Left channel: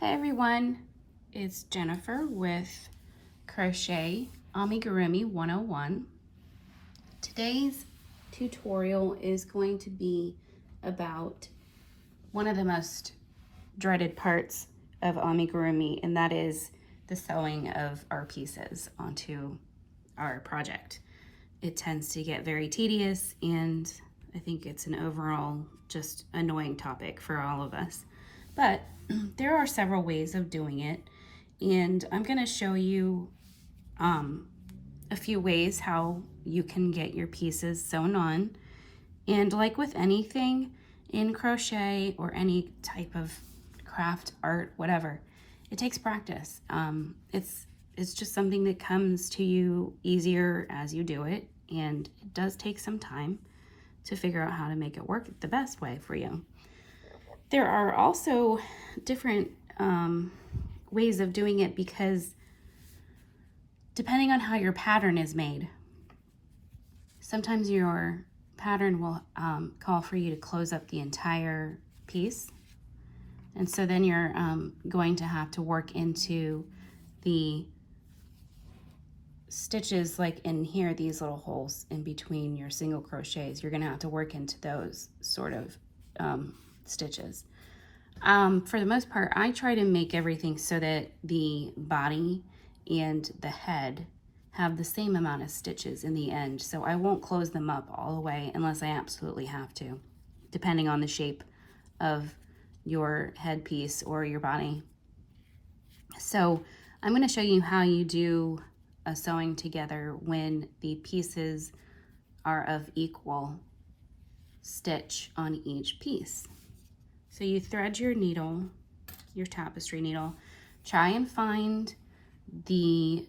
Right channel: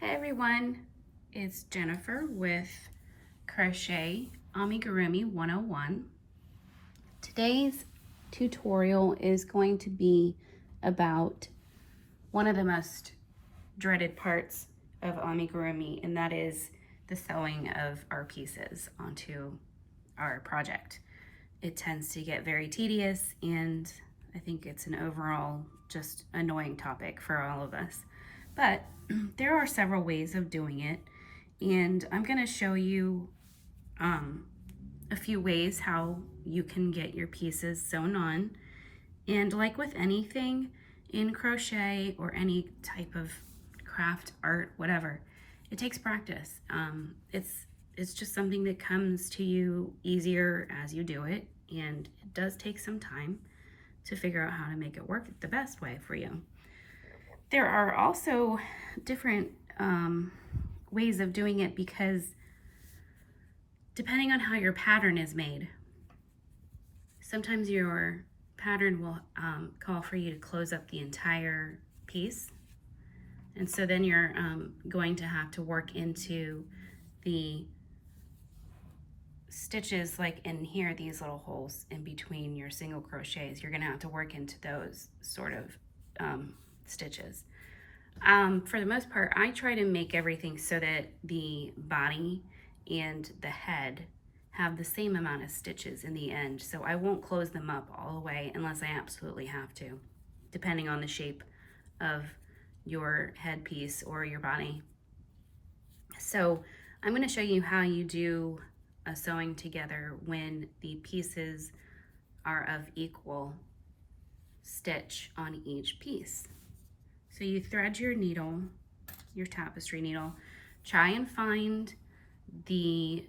Hi everyone, it's Jennifer with Crochet Amigurumi 101. Today's tutorial is going to be about one of the most dreaded parts of amigurumi, and that is the sewing of our pieces onto our project. It tends to get very tedious, and I think it's an overall just annoying topic for all of us. But there are several ways of doing it, and I'm going to show you a few ways how you can get your pieces sewn on. And like with anything in crochet or any type of craft, art, whatever, it takes practice. It's just something that comes to you easier as you do it, and it does take some time to figure out how to make it work the best way for you. There are also different ways of doing it because depending on how your pattern is made, sometimes your pattern will call for you to close up the entire piece. And so then you're going to have to work into the stitches like in here, these little holes in between your single crochets. You're going to have to work into those sort of stitches. For the most part, I try to make everything so that the body and the head have the same amount of stitches in the end, so I won't close them up all the way unless I absolutely have to, depending on the shape of your headpiece or your body. So I'm going to show you how you do a sewing together when the pieces are of equal stitch on each piece. So you thread your needle, your tapestry needle, try and find the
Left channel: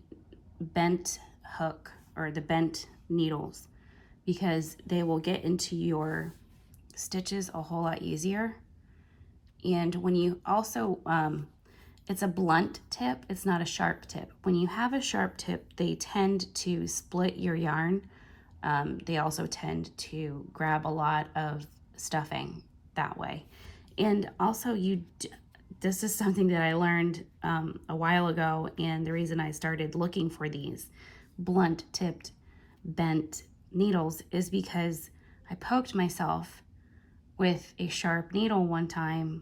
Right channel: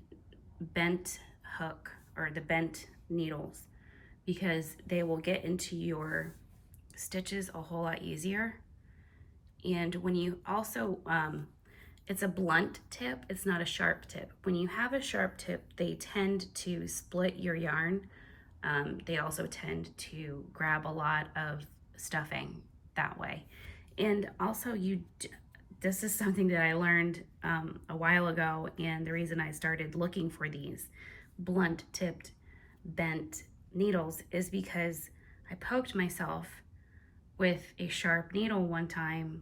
bent hook or the bent needles, because they will get into your stitches a whole lot easier. And when you also, it's a blunt tip, it's not a sharp tip. When you have a sharp tip, they tend to split your yarn. They also tend to grab a lot of stuffing that way. And also this is something that I learned a while ago, and the reason I started looking for these blunt tipped bent needles is because I poked myself with a sharp needle one time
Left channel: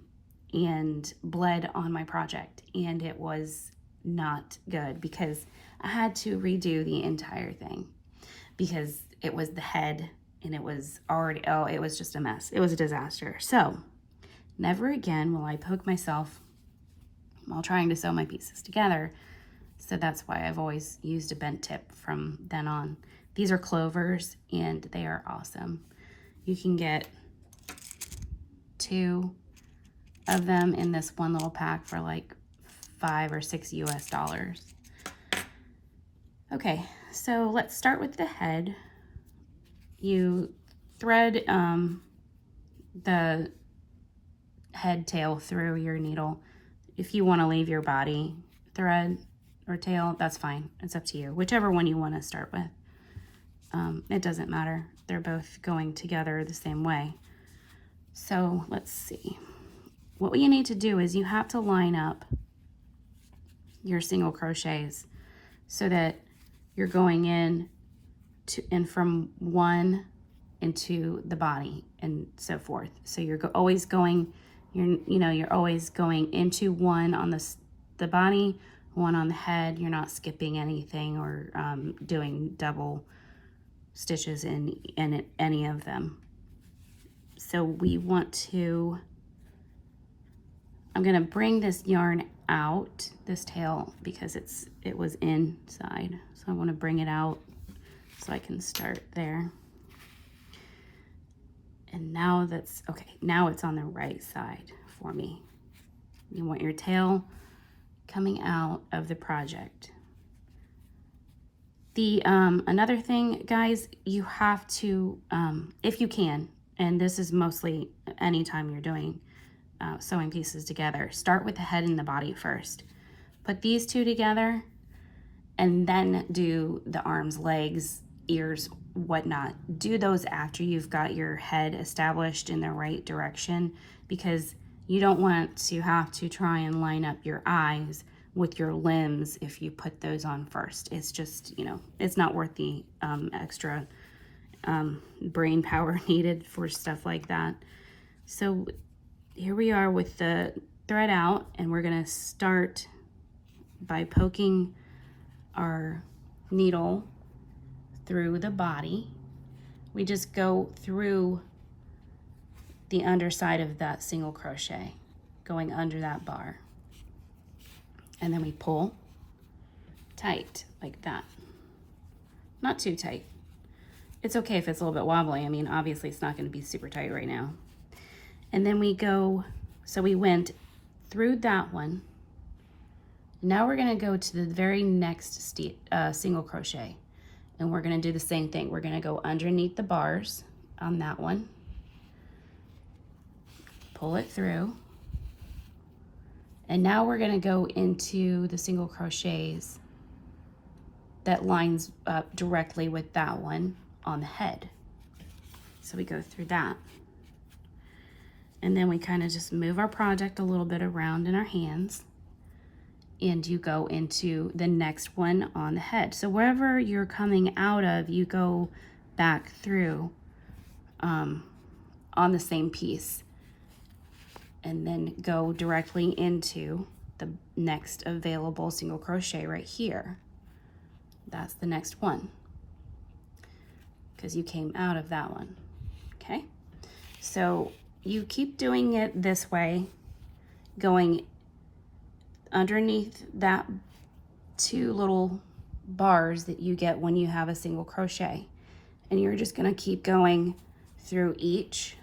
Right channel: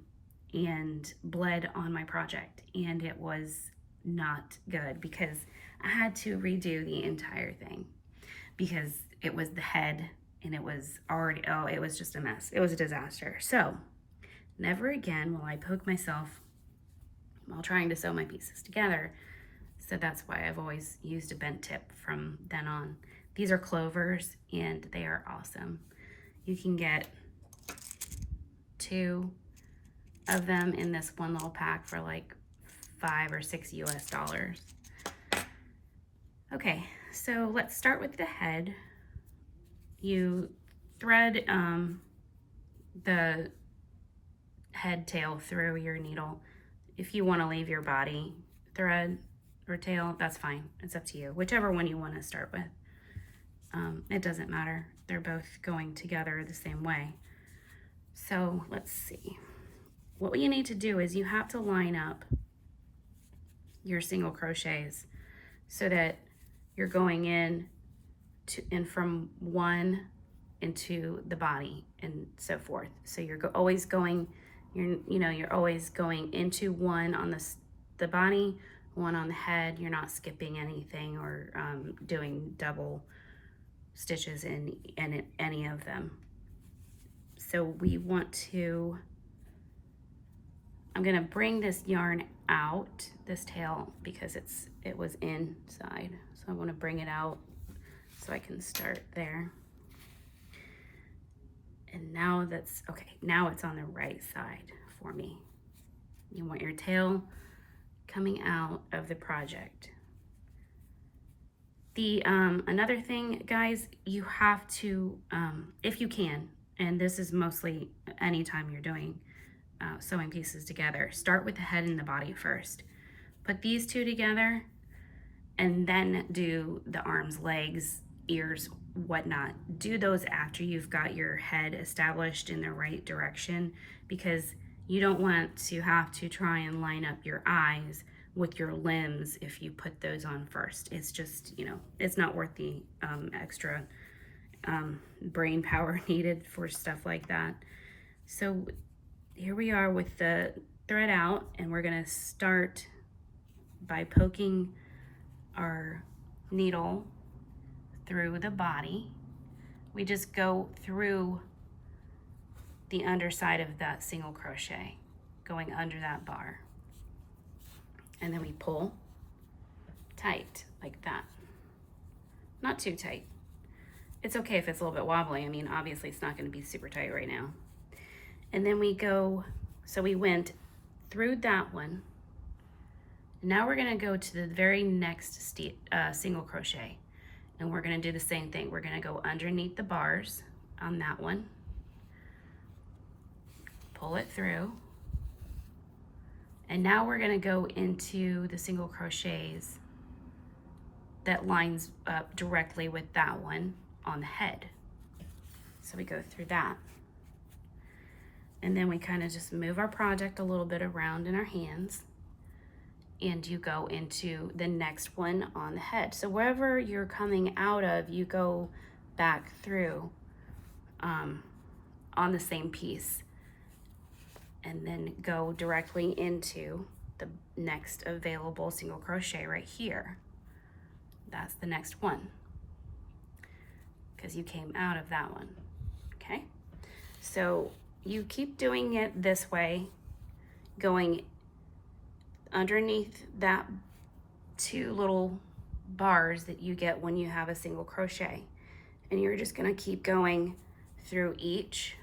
and bled on my project, and it was not good because I had to redo the entire thing because it was the head and it was already, it was just a mess. It was a disaster. So never again will I poke myself while trying to sew my pieces together. So that's why I've always used a bent tip from then on. These are clovers and they are awesome. You can get 2 of them in this one little pack for like $5 or $6 US. Okay, so let's start with the head. You thread the head tail through your needle. If you want to leave your body thread or tail, that's fine. It's up to you, whichever one you want to start with. It doesn't matter. They're both going together the same way. So let's see. What you need to do is you have to line up your single crochets so that you're going in to and from one into the body and so forth. So you're always going, you're always going into one on the body, one on the head. You're not skipping anything or doing double stitches in any of them. So we want to, I'm gonna bring this yarn out, this tail, because it was inside. So I wanna bring it out so I can start there. And now that's, okay, now it's on the right side for me. You want your tail coming out of the project. The another thing, guys, you have to, if you can, and this is mostly anytime you're doing sewing pieces together, start with the head and the body first. Put these two together and then do the arms, legs, ears, whatnot. Do those after you've got your head established in the right direction, because You don't want to have to try and line up your eyes with your limbs if you put those on first. It's just, you know, it's not worth the extra brain power needed for stuff like that. So here we are with the thread out, and we're gonna start by poking our needle through the body. We just go through the underside of that single crochet, going under that bar. And then we pull tight like that. Not too tight. It's okay if it's a little bit wobbly. I mean, obviously it's not going to be super tight right now. And then we go, so we went through that one. Now we're going to go to the very next single crochet, and we're going to do the same thing. We're going to go underneath the bars on that one, pull it through, and now we're going to go into the single crochets that lines up directly with that one on the head. So we go through that, and then we kind of just move our project a little bit around in our hands, and you go into the next one on the head. So wherever you're coming out of, you go back through on the same piece, and then go directly into the next available single crochet right here. That's the next one, because you came out of that one. Okay, so you keep doing it this way, going underneath that two little bars that you get when you have a single crochet, and you're just going to keep going through each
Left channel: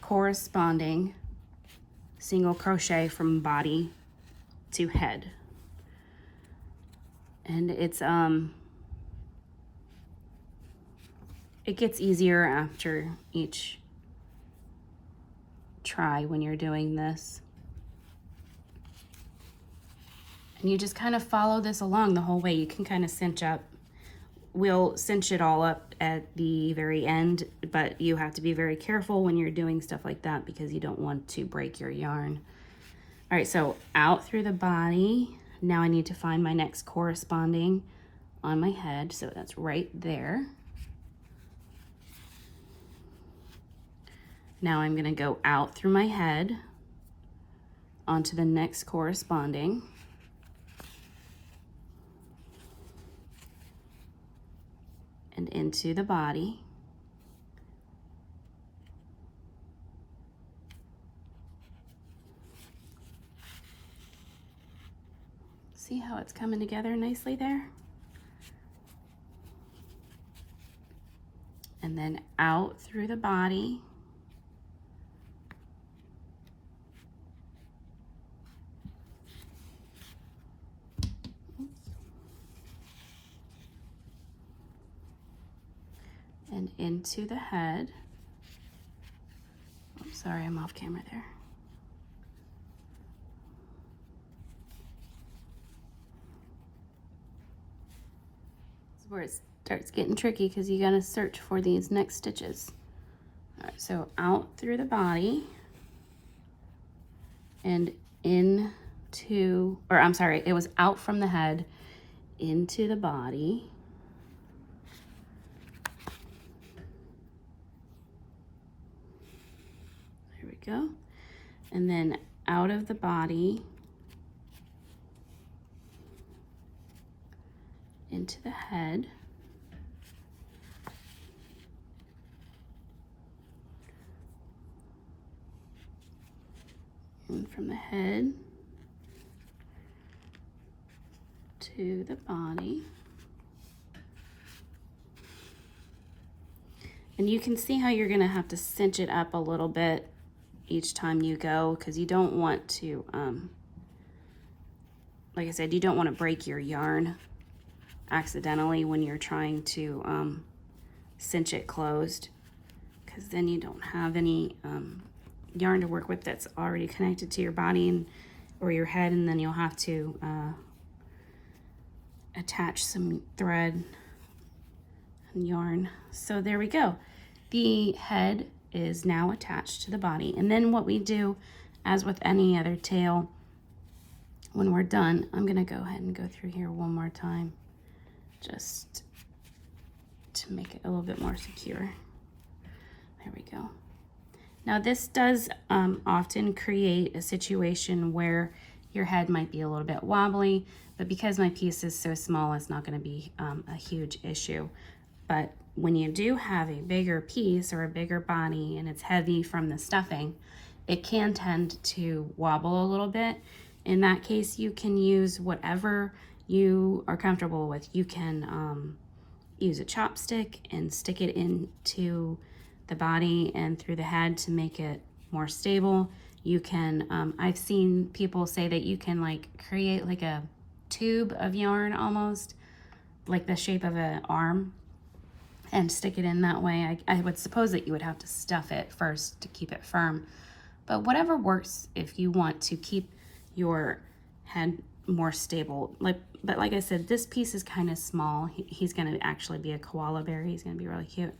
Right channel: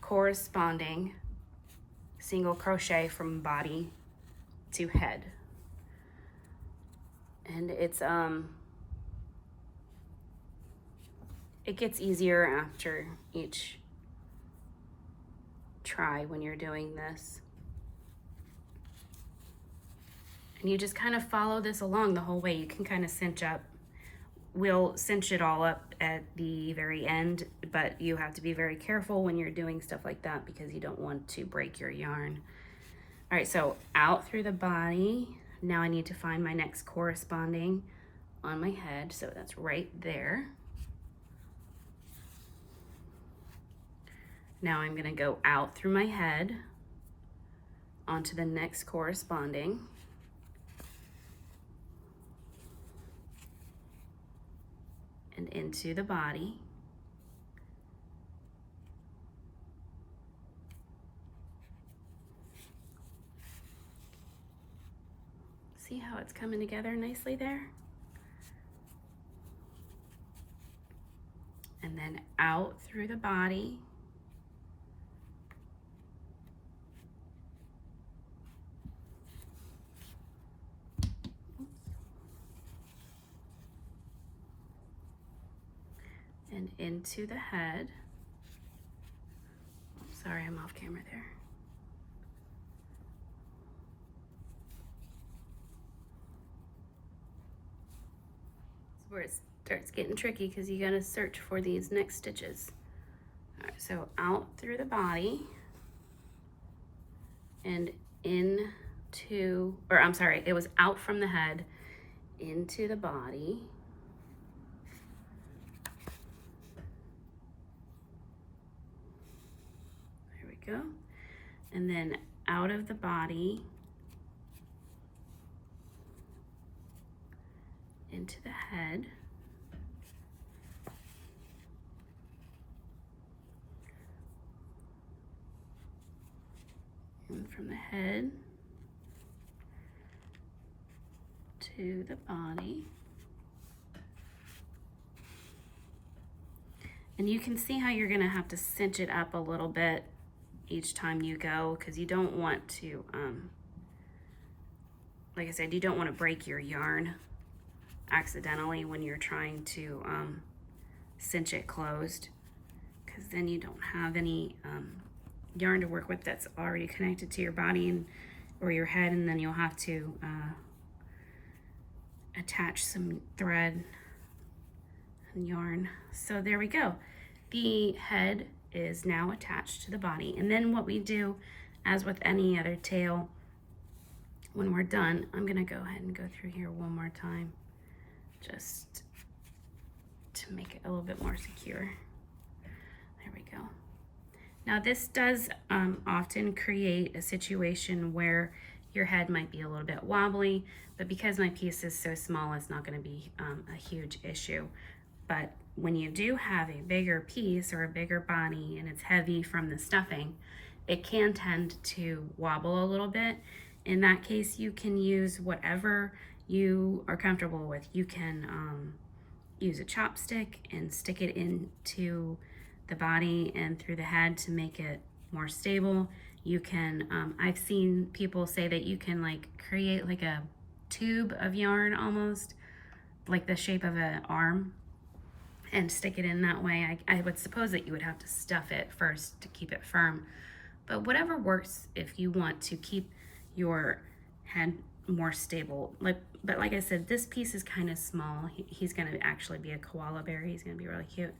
corresponding single crochet from body to head. And it's it gets easier after each try when you're doing this. And you just kind of follow this along the whole way. You can kind of cinch up. We'll cinch it all up at the very end, but you have to be very careful when you're doing stuff like that because you don't want to break your yarn. All right, so out through the body. Now I need to find my next corresponding on my head, so that's right there. Now I'm gonna go out through my head onto the next corresponding. And into the body. See how it's coming together nicely there? And then out through the body. And into the head. Oh, sorry, I'm off camera there. That's where it starts getting tricky because you gotta search for these next stitches. All right, so out through the body and into, or I'm sorry, it was out from the head into the body. Go. And then out of the body into the head, and from the head to the body. And you can see how you're going to have to cinch it up a little bit each time you go, because you don't want to, like I said, you don't want to break your yarn accidentally when you're trying to cinch it closed, because then you don't have any yarn to work with that's already connected to your body or your head, and then you'll have to attach some thread and yarn. So there we go. The head is now attached to the body. And then what we do, as with any other tail, when we're done, I'm gonna go ahead and go through here one more time, just to make it a little bit more secure. There we go. Now this does often create a situation where your head might be a little bit wobbly, but because my piece is so small, it's not going to be a huge issue. But when you do have a bigger piece or a bigger body and it's heavy from the stuffing, it can tend to wobble a little bit. In that case, you can use whatever you are comfortable with. You can use a chopstick and stick it into the body and through the head to make it more stable. You can, I've seen people say that you can like create like a tube of yarn almost, like the shape of an arm, and stick it in that way. I would suppose that you would have to stuff it first to keep it firm, but whatever works if you want to keep your head more stable. But like I said, this piece is kind of small. He's going to actually be a koala bear. He's going to be really cute.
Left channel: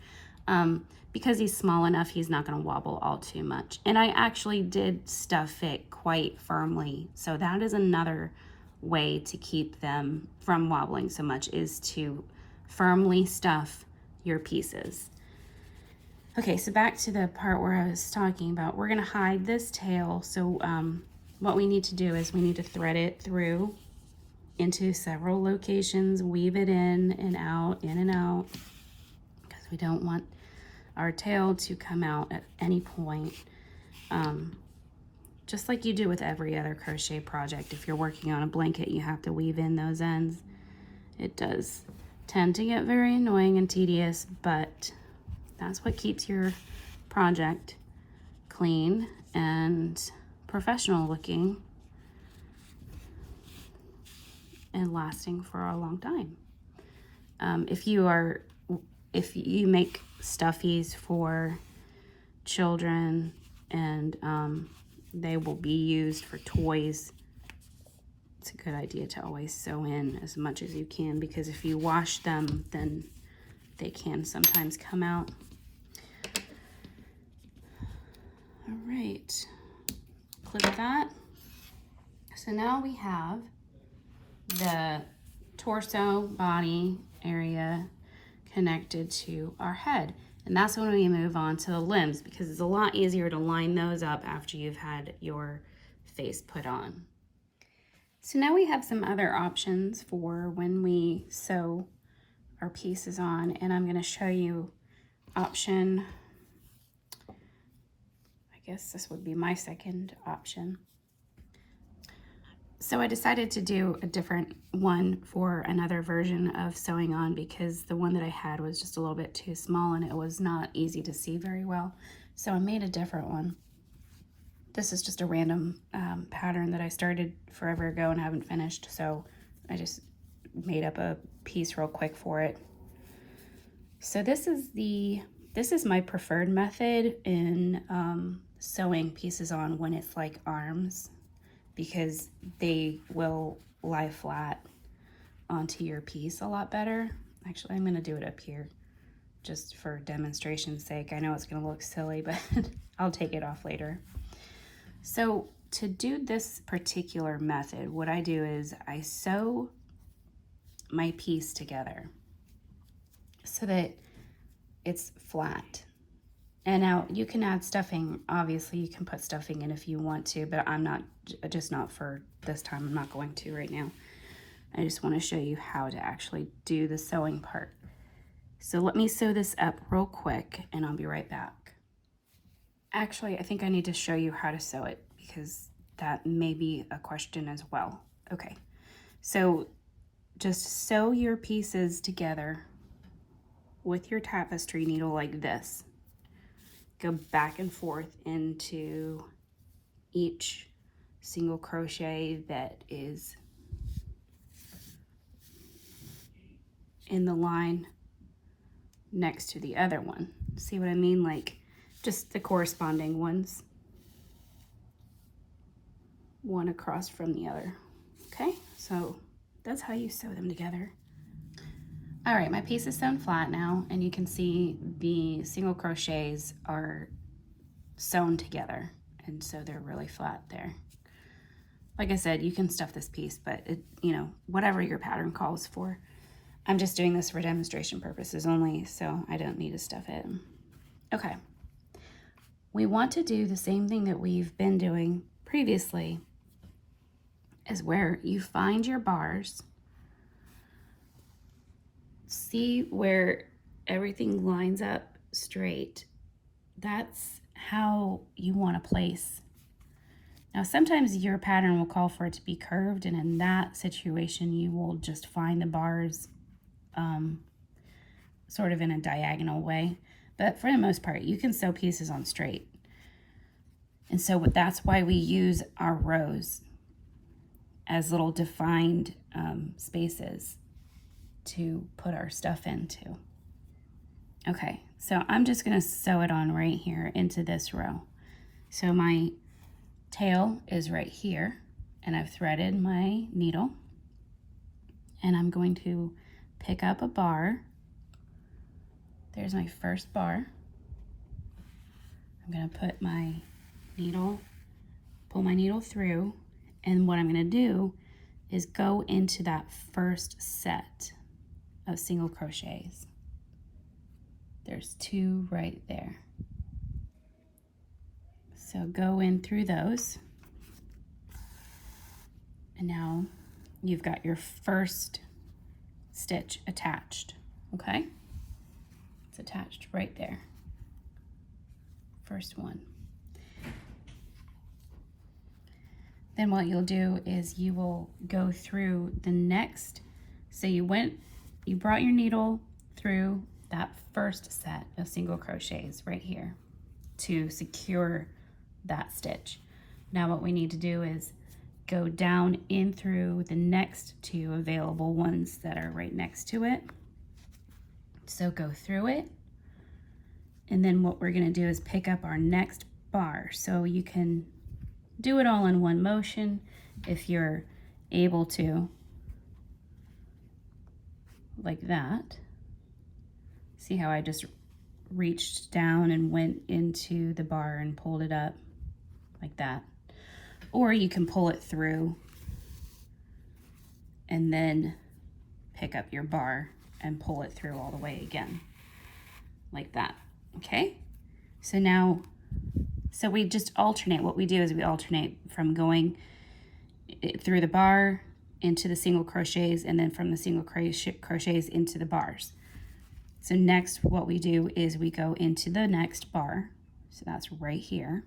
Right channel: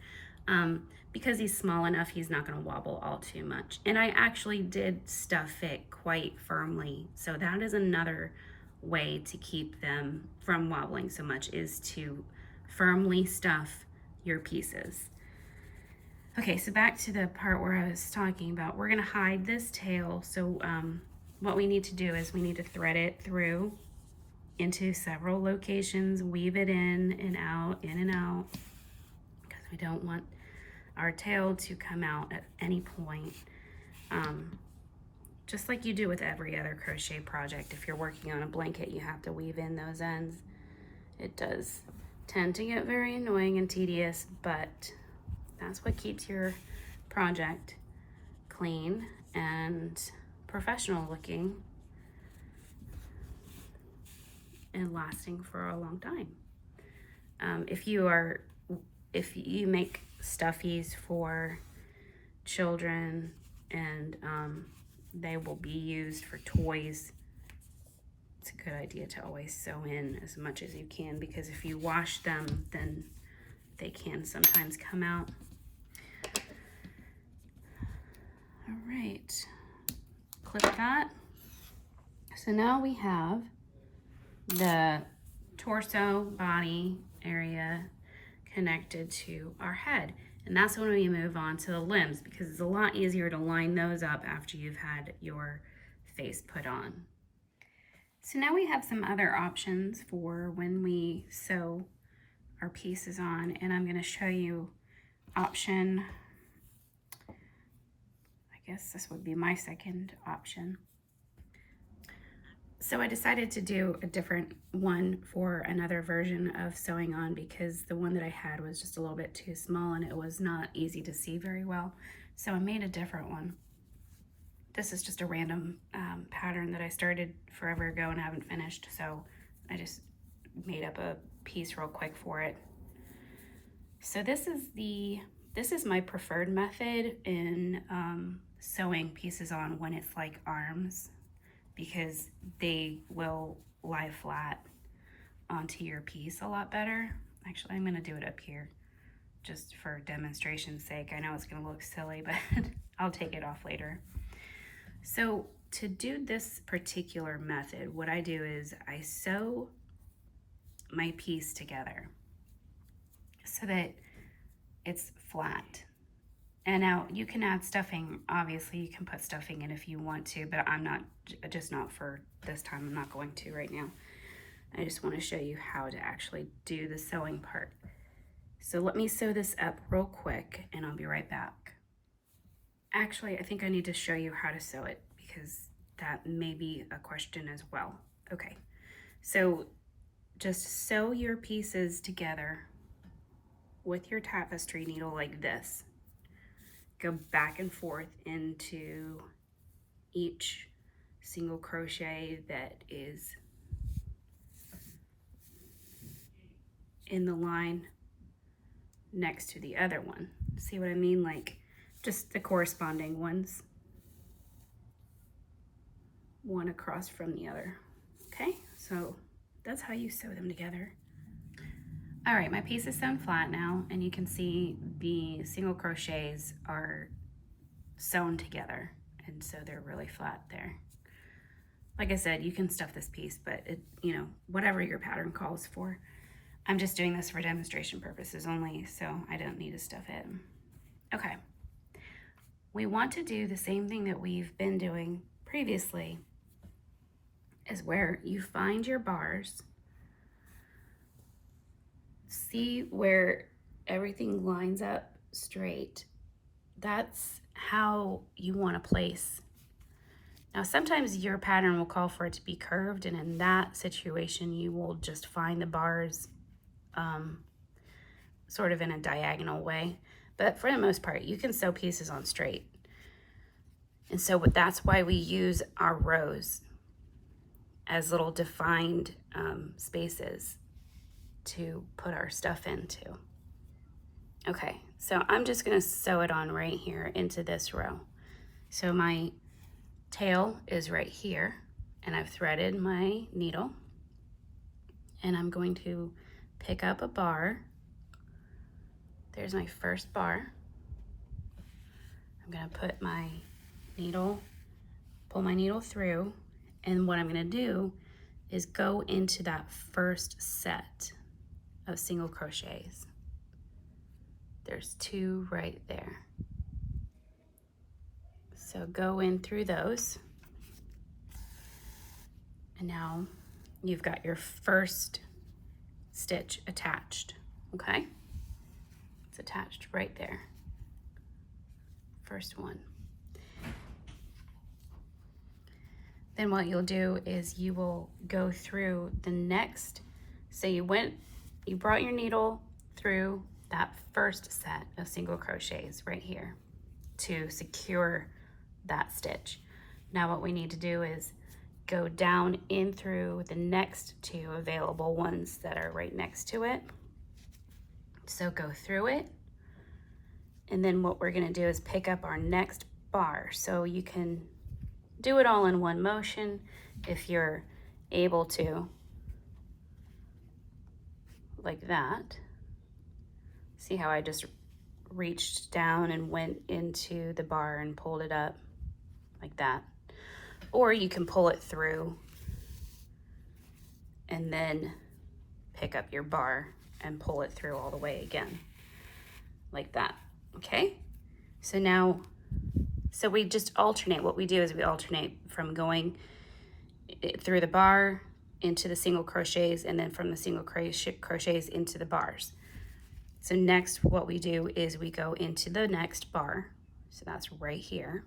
Because he's small enough, he's not going to wobble all too much. And I actually did stuff it quite firmly. So that is another way to keep them from wobbling so much, is to firmly stuff your pieces. Okay, so back to the part where I was talking about, we're going to hide this tail. So what we need to do is we need to thread it through into several locations, weave it in and out, because we don't want our tail to come out at any point. Just like you do with every other crochet project. If you're working on a blanket, you have to weave in those ends. It does tend to get very annoying and tedious, but that's what keeps your project clean and professional looking and lasting for a long time. If you make stuffies for children and they will be used for toys, it's a good idea to always sew in as much as you can, because if you wash them, then they can sometimes come out. All right, clip that. So now we have the torso body area connected to our head, and that's when we move on to the limbs, because it's a lot easier to line those up after you've had your face put on. So now we have some other options for when we sew our pieces on, and I'm going to show you option, I guess this would be my second option. So I decided to do a different one for another version of sewing on, because the one that I had was just a little bit too small and it was not easy to see very well. So I made a different one. This is just a random pattern that I started forever ago and haven't finished. So I just made up a piece real quick for it. So this is my preferred method in sewing pieces on when it's like arms, because they will lie flat onto your piece a lot better. Actually, I'm gonna do it up here just for demonstration's sake. I know it's gonna look silly, but I'll take it off later. So to do this particular method, what I do is I sew my piece together so that it's flat. And now you can add stuffing. Obviously you can put stuffing in if you want to, but just not for this time. I'm not going to right now. I just want to show you how to actually do the sewing part. So let me sew this up real quick and I'll be right back. Actually, I think I need to show you how to sew it, because that may be a question as well. Okay, so just sew your pieces together with your tapestry needle like this. Go back and forth into each single crochet that is in the line next to the other one. See what I mean? Like just the corresponding ones, one across from the other. Okay, so that's how you sew them together. All right, my piece is sewn flat now, and you can see the single crochets are sewn together, and so they're really flat there. Like I said, you can stuff this piece, but it, you know, whatever your pattern calls for. I'm just doing this for demonstration purposes only, so I don't need to stuff it. Okay. We want to do the same thing that we've been doing previously, is where you find your bars, see where everything lines up straight. That's how you want to place. Now, sometimes your pattern will call for it to be curved, and in that situation, you will just find the bars sort of in a diagonal way. But for the most part, you can sew pieces on straight. And so that's why we use our rows as little defined spaces to put our stuff into. Okay, so I'm just gonna sew it on right here into this row. So my tail is right here, and I've threaded my needle, and I'm going to pick up a bar. There's my first bar. I'm gonna put my needle, pull my needle through, and what I'm gonna do is go into that first set of single crochets. There's 2 right there. So go in through those. And now you've got your first stitch attached, okay? It's attached right there. First one. Then what you'll do is you will go through the next, so you brought your needle through that first set of single crochets right here to secure that stitch. Now what we need to do is go down in through the next 2 available ones that are right next to it. So go through it, and then what we're gonna do is pick up our next bar. So you can do it all in one motion if you're able to, like that. See how I just reached down and went into the bar and pulled it up like that. Or you can pull it through and then pick up your bar and pull it through all the way again, like that, okay? So now, so we just alternate. What we do is we alternate from going through the bar into the single crochets, and then from the single crochets into the bars. So next what we do is we go into the next bar. So that's right here.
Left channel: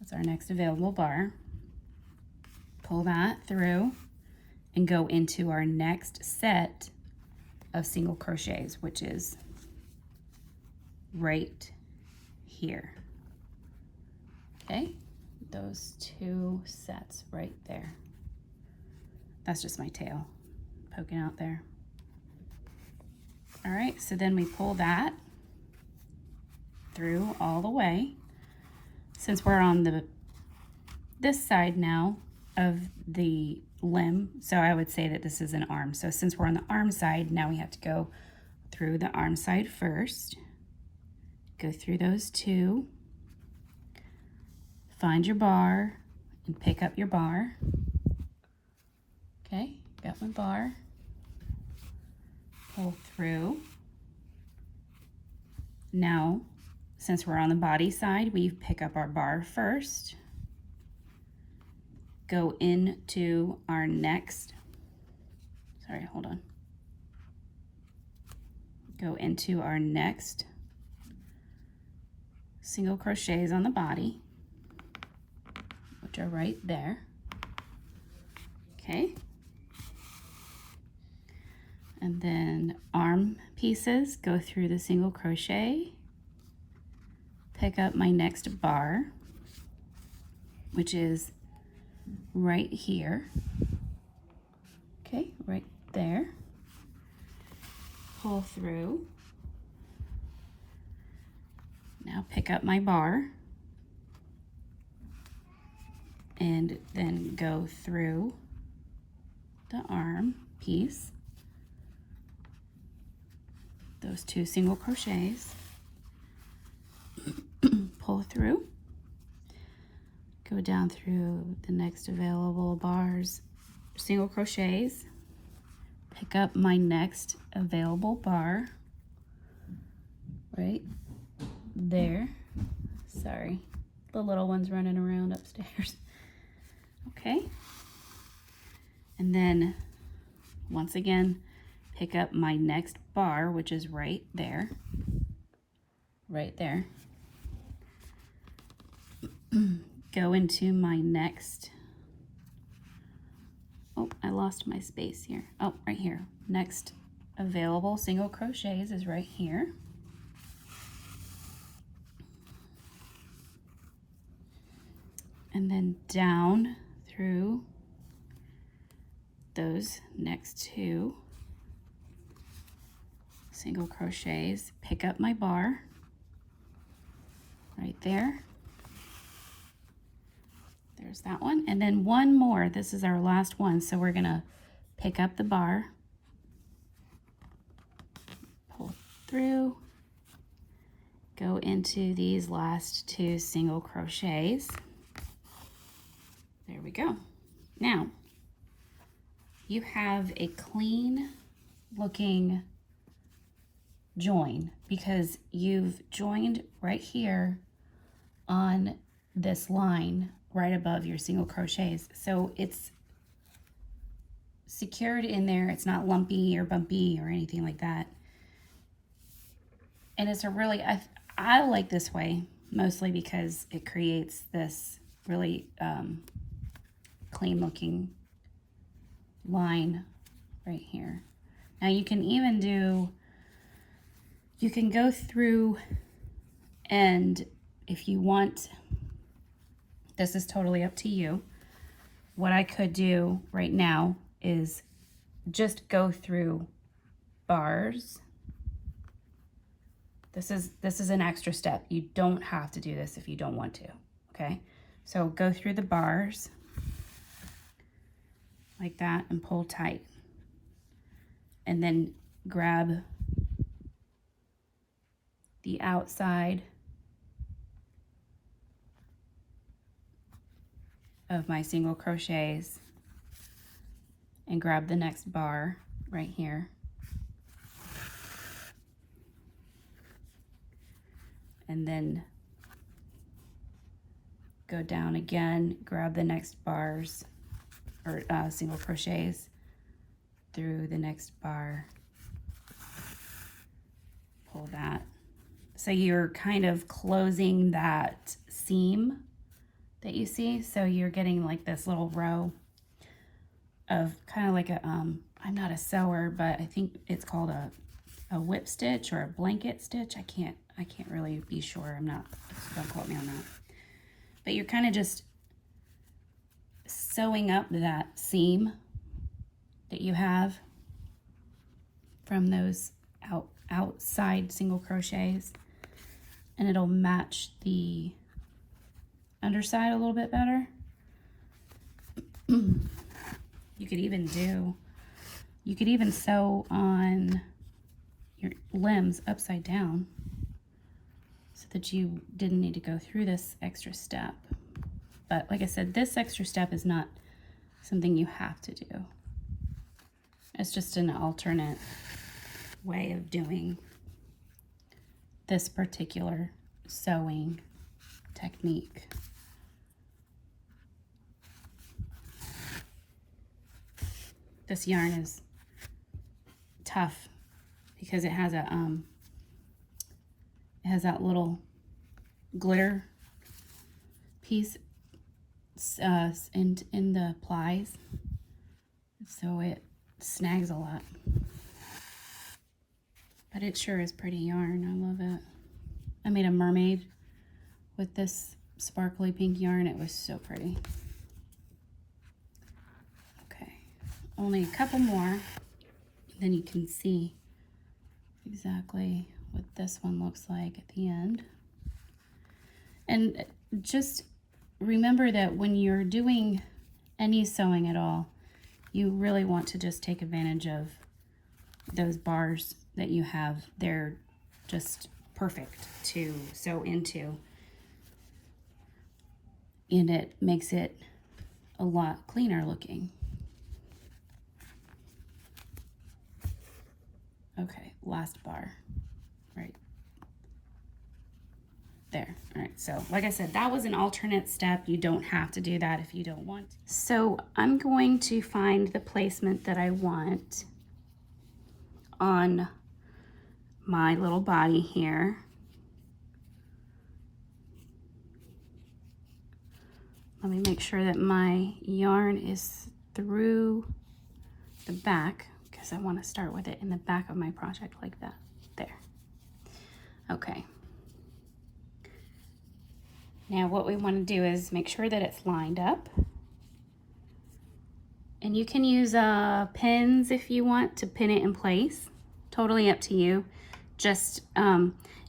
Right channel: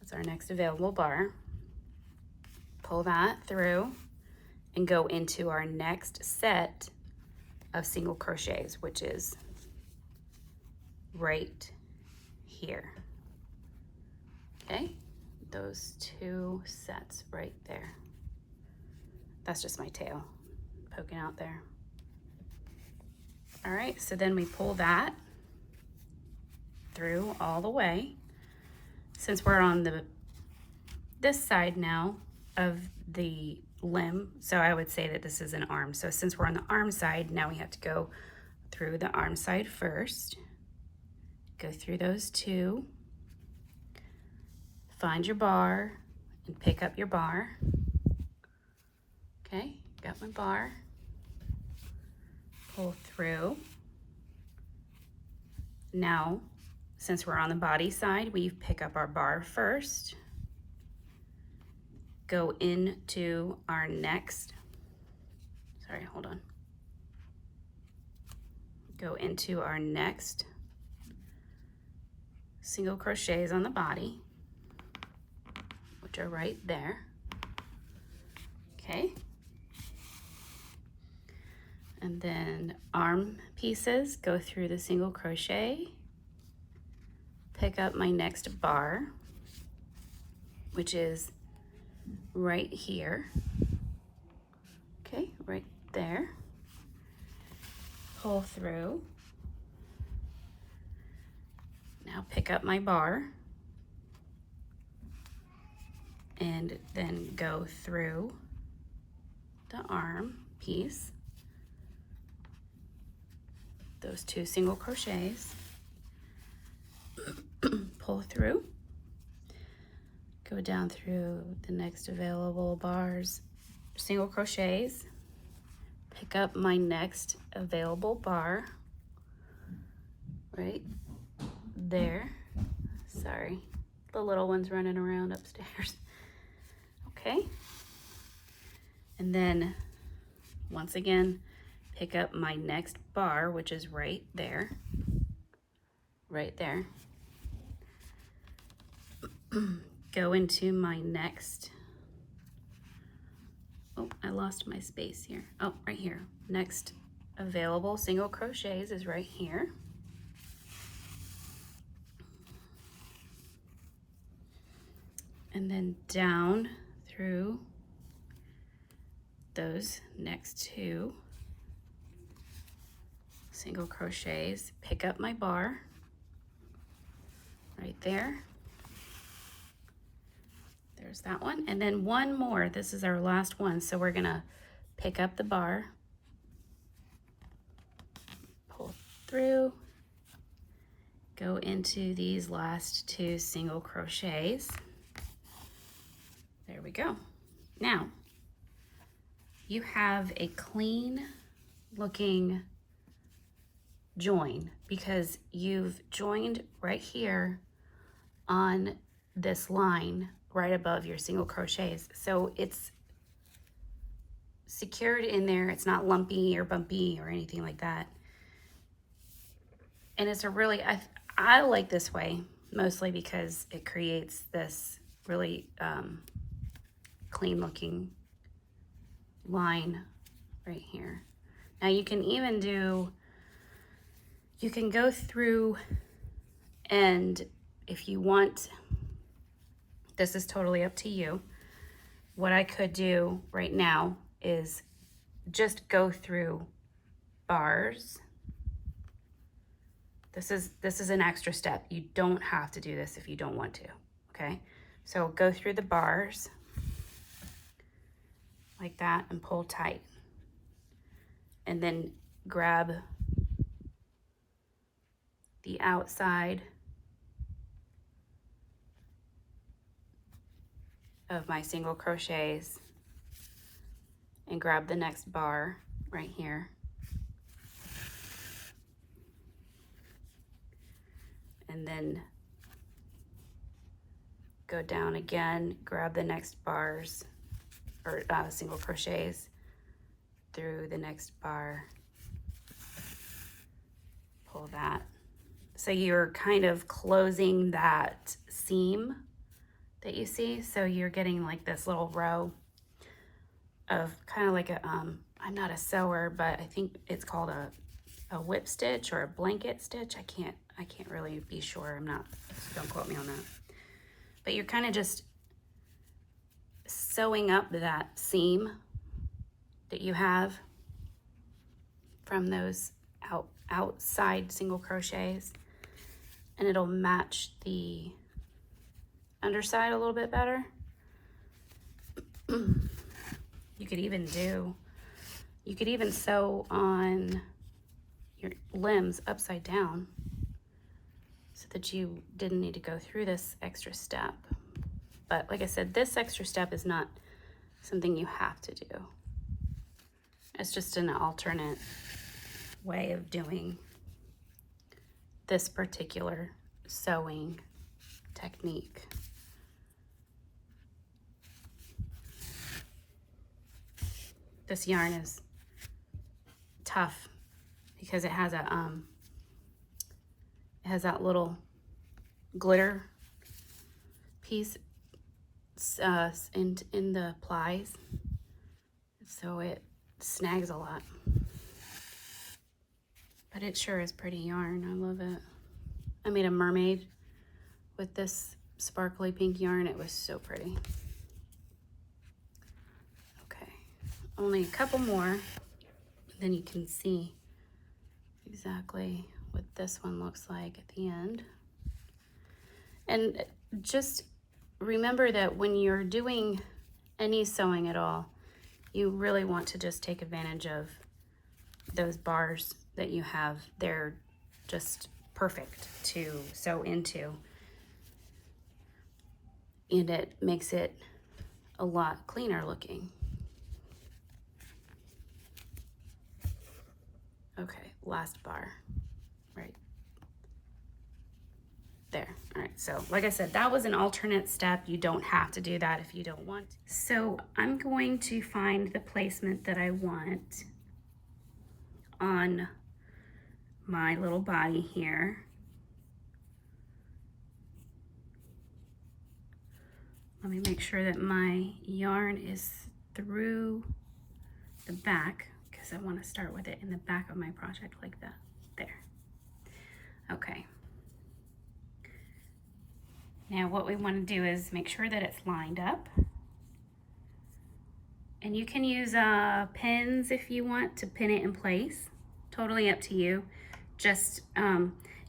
That's our next available bar. Pull that through and go into our next set of single crochets, which is right here. Okay, those 2 sets right there. That's just my tail poking out there. All right, so then we pull that through all the way. Since we're on this side now of the limb, so I would say that this is an arm. So since we're on the arm side, now we have to go through the arm side first. Go through those 2. Find your bar and pick up your bar. Okay, got my bar. Pull through. Now, since we're on the body side, we pick up our bar first. Go into our next, sorry, hold on. Go into our next single crochets on the body, which are right there. Okay. And then arm pieces, go through the single crochet, pick up my next bar, which is right here. Okay, right there. Pull through. Now pick up my bar and then go through the arm piece, those 2 single crochets, through, go down through the next available bars, single crochets, pick up my next available bar right there. Sorry, the little one's running around upstairs. Okay, and then once again pick up my next bar, which is right there, go into my next, oh, I lost my space here, oh, right here, next available single crochets is right here. And then down through those next two single crochets, pick up my bar right there. There's that one. And then one more. This is our last one. So we're going to pick up the bar, pull through, go into these last two single crochets. There we go. Now, you have a clean looking join because you've joined right here on this line right above your single crochets. So it's secured in there. It's not lumpy or bumpy or anything like that. And it's a really, I like this way mostly because it creates this really clean looking line right here. Now you can even do, you can go through, and if you want, this is totally up to you. What I could do right now is just go through bars. This is an extra step. You don't have to do this if you don't want to, okay? So go through the bars like that and pull tight. And then grab the outside of my single crochets and grab the next bar right here. And then go down again, grab the next bars or single crochets through the next bar, pull that. So you're kind of closing that seam that you see. So you're getting like this little row of kind of like a, I'm not a sewer, but I think it's called a whip stitch or a blanket stitch. I can't really be sure. I'm not, don't quote me on that. But you're kind of just sewing up that seam that you have from those outside single crochets, and it'll match the underside a little bit better. You could even sew on your limbs upside down so that you didn't need to go through this extra step. But like I said, this extra step is not something you have to do. It's just an alternate way of doing this particular sewing technique. This yarn is tough because it has a it has that little glitter piece in the plies, so it snags a lot. But it sure is pretty yarn. I love it. I made a mermaid with this sparkly pink yarn. It was so pretty. Okay, only a couple more, then you can see exactly what this one looks like at the end. And just remember that when you're doing any sewing at all, you really want to just take advantage of those bars that you have. They're just perfect to sew into. and it makes it a lot cleaner looking. Okay, last bar, right there. All right, so like I said, that was an alternate step. You don't have to do that if you don't want. So I'm going to find the placement that I want on my little body here. Let me make sure that my yarn is through the back, because I want to start with it in the back of my project like that. There. Okay. Now what we want to do is make sure that it's lined up. And you can use pins if you want to pin it in place. Totally up to you. Just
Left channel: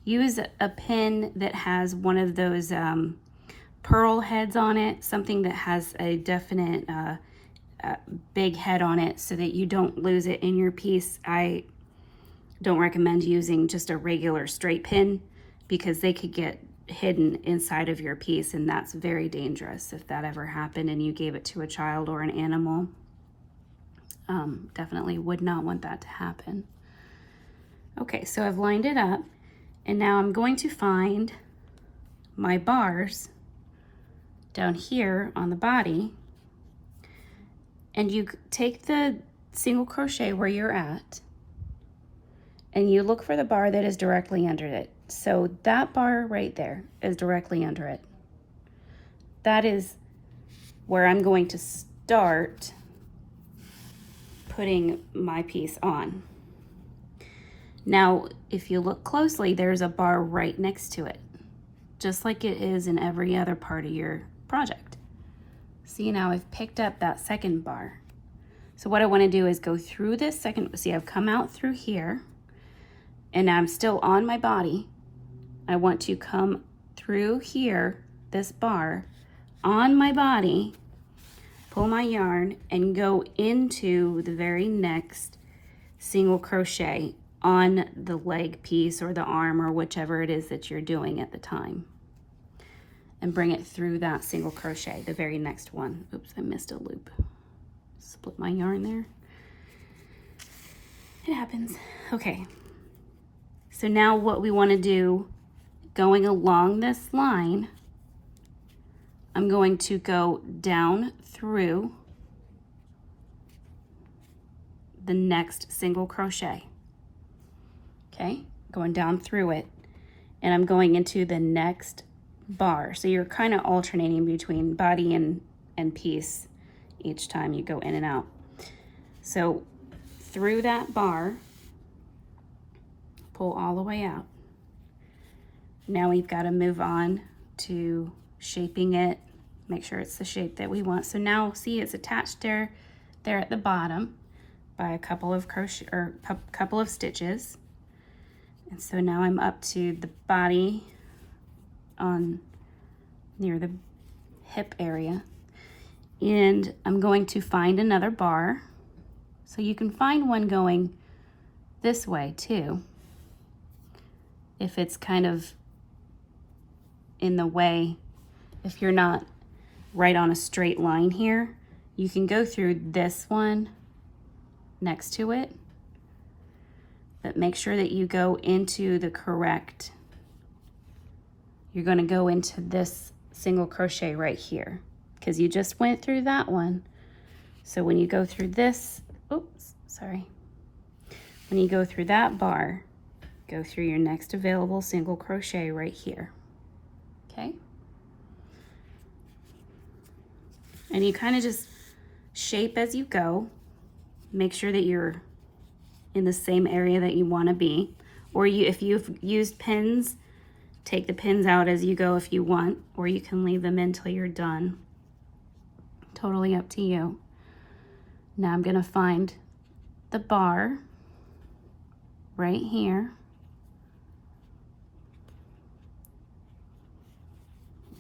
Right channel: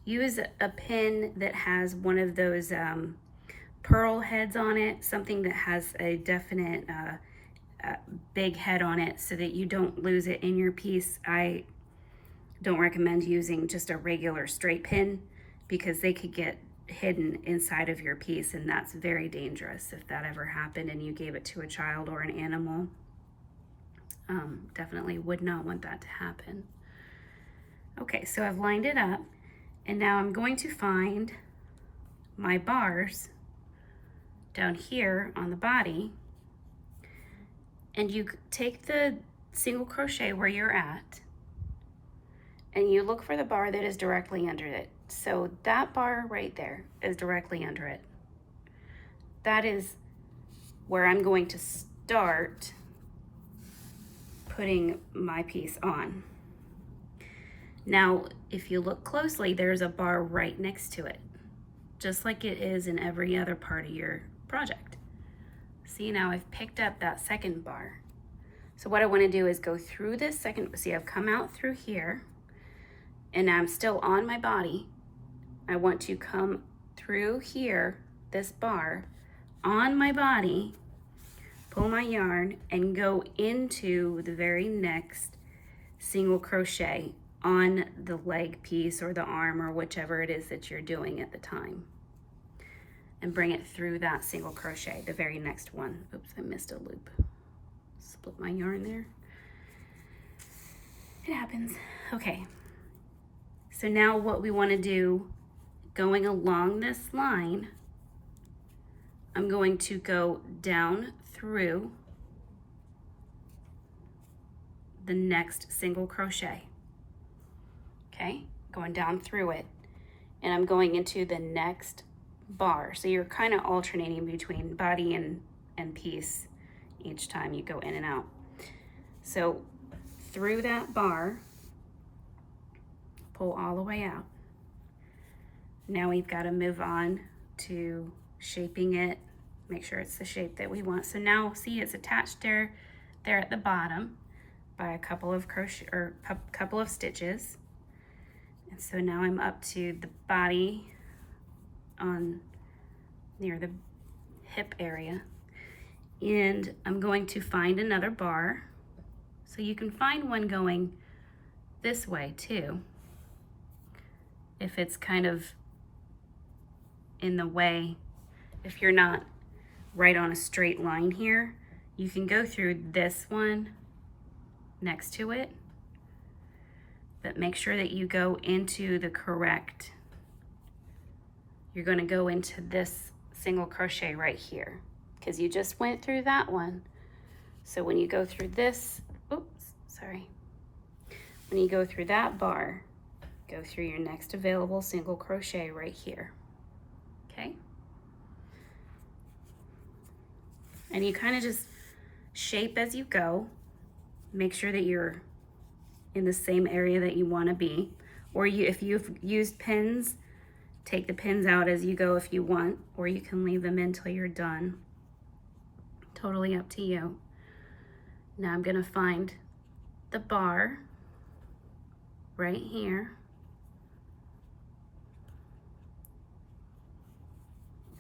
use a pin that has one of those pearl heads on it, something that has a definite big head on it so that you don't lose it in your piece. I don't recommend using just a regular straight pin because they could get hidden inside of your piece, and that's very dangerous if that ever happened and you gave it to a child or an animal. Definitely would not want that to happen. Okay, so I've lined it up, and now I'm going to find my bars down here on the body, and you take the single crochet where you're at and you look for the bar that is directly under it. So that bar right there is directly under it. That is where I'm going to start putting my piece on. Now, if you look closely, there's a bar right next to it, just like it is in every other part of your project. See, now I've picked up that second bar. So what I want to do is go through this second, see, I've come out through here, and I'm still on my body. I want to come through here, this bar, on my body, pull my yarn, and go into the very next single crochet on the leg piece or the arm or whichever it is that you're doing at the time, and bring it through that single crochet, the very next one. Oops, I missed a loop. Split my yarn there. It happens. Okay. So now what we want to do, going along this line, I'm going to go down through the next single crochet. Okay, going down through it, and I'm going into the next bar. So you're kind of alternating between body and piece each time you go in and out. So through that bar, pull all the way out. Now we've got to move on to shaping it, make sure it's the shape that we want. So now see, it's attached there at the bottom by a couple of crochet or couple of stitches. And so now I'm up to the body on near the hip area, and I'm going to find another bar. So you can find one going this way too, if it's kind of in the way. If you're not right on a straight line here, you can go through this one next to it, but make sure that you go into the correct, you're going to go into this single crochet right here, because you just went through that one. So when you go through this, oops, sorry, when you go through that bar, go through your next available single crochet right here. Okay, and you kind of just shape as you go. Make sure that you're in the same area that you want to be, or if you've used pins, take the pins out as you go if you want, or you can leave them in till you're done. Totally up to you. Now I'm going to find the bar right here.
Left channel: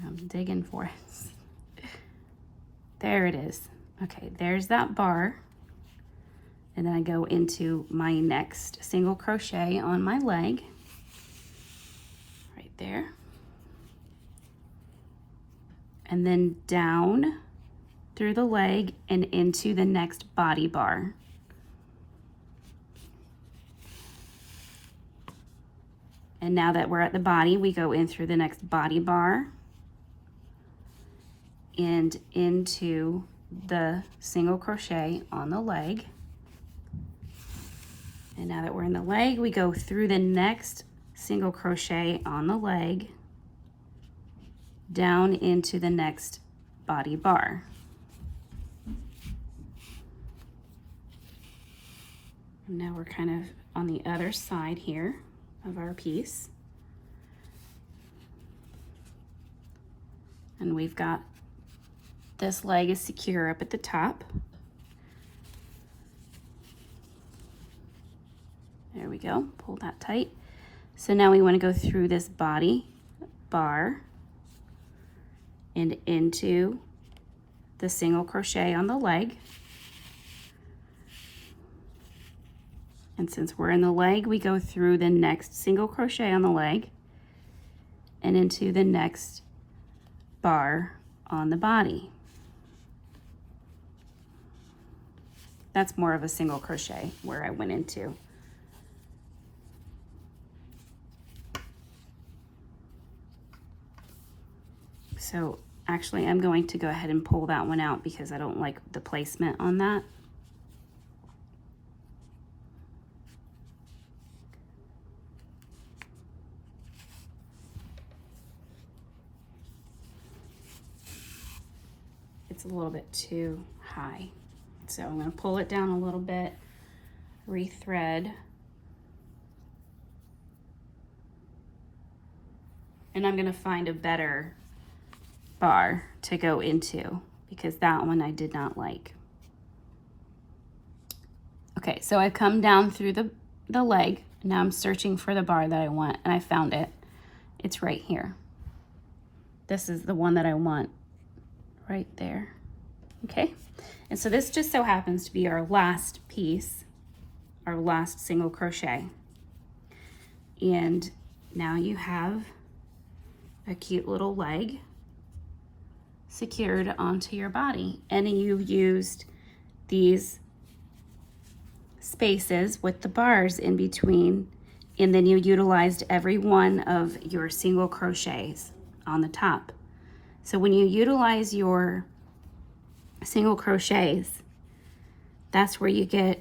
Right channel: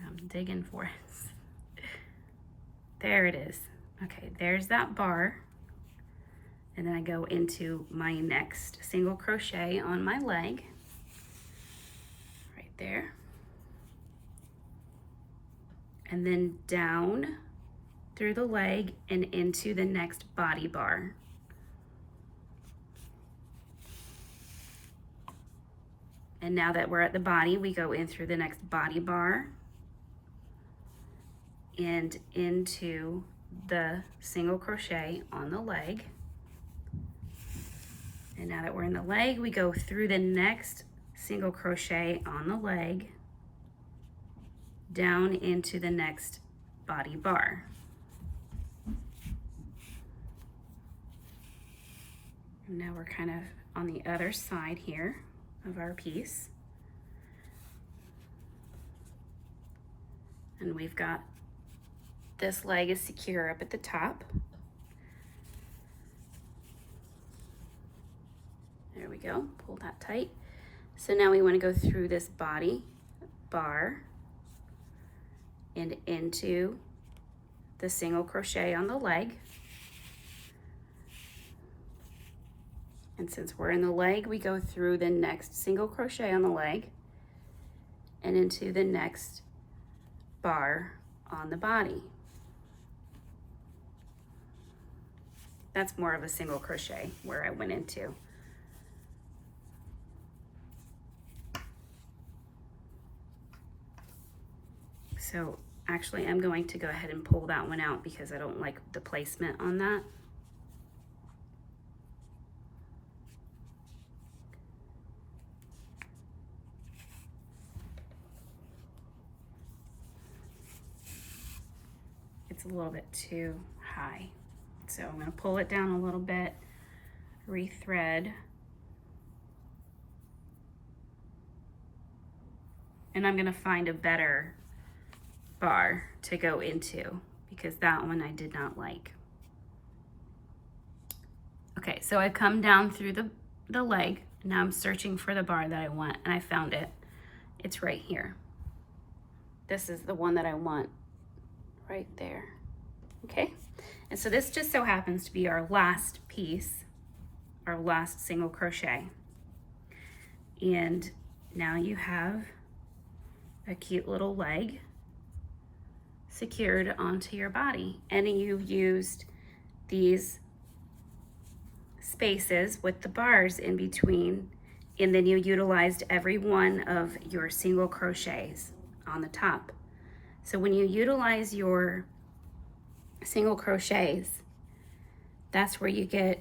I'm digging for it. There it is. Okay, there's that bar. And then I go into my next single crochet on my leg, right there. and then down through the leg and into the next body bar. And now that we're at the body, we go in through the next body bar and into the single crochet on the leg. And now that we're in the leg, we go through the next single crochet on the leg down into the next body bar. And now we're kind of on the other side here of our piece. And we've got this leg is secure up at the top. There we go, pull that tight. So now we want to go through this body bar and into the single crochet on the leg. And since we're in the leg, we go through the next single crochet on the leg and into the next bar on the body. That's more of a single crochet where I went into. So actually I'm going to go ahead and pull that one out because I don't like the placement on that. It's a little bit too high. So I'm going to pull it down a little bit, rethread, and I'm going to find a better bar to go into because that one I did not like. Okay, so I've come down through the leg. Now I'm searching for the bar that I want, and I found it. It's right here. This is the one that I want right there. Okay, and so this just so happens to be our last piece, our last single crochet. And now you have a cute little leg secured onto your body, and you used these spaces with the bars in between, and then you utilized every one of your single crochets on the top. So when you utilize your single crochets, that's where you get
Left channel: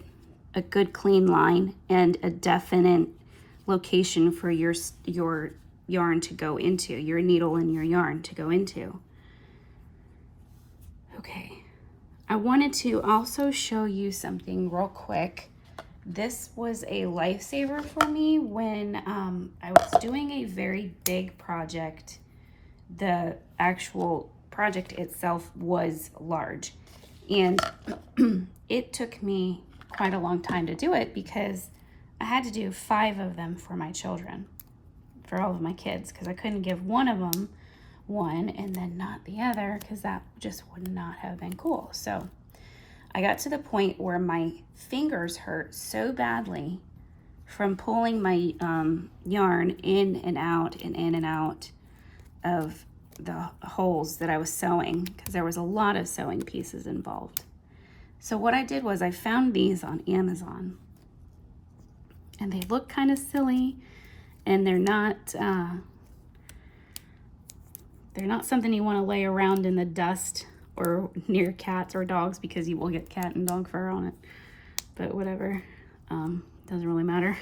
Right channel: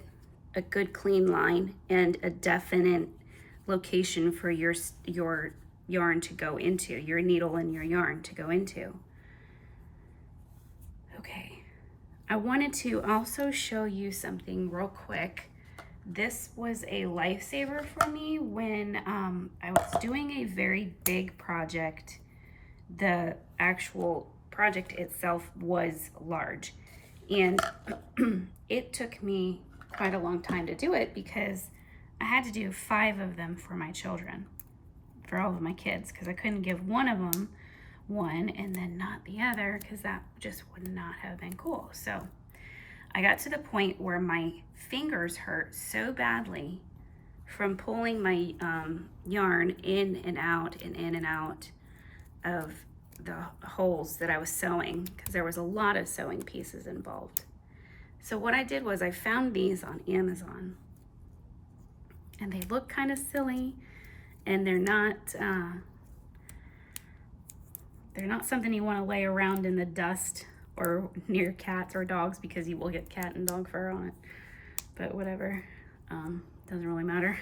a good clean line and a definite location for your yarn to go into, your needle and your yarn to go into. Okay, I wanted to also show you something real quick. This was a lifesaver for me when I was doing a very big project. The actual project itself was large, and it took me quite a long time to do it because I had to do 5 of them for my children, for all of my kids, because I couldn't give one of them one and then not the other, because that just would not have been cool. So I got to the point where my fingers hurt so badly from pulling my yarn in and out and in and out of the holes that I was sewing, because there was a lot of sewing pieces involved. So what I did was I found these on Amazon, and they look kind of silly, and they're not something you want to lay around in the dust or near cats or dogs, because you will get cat and dog fur on it, but whatever, doesn't really matter.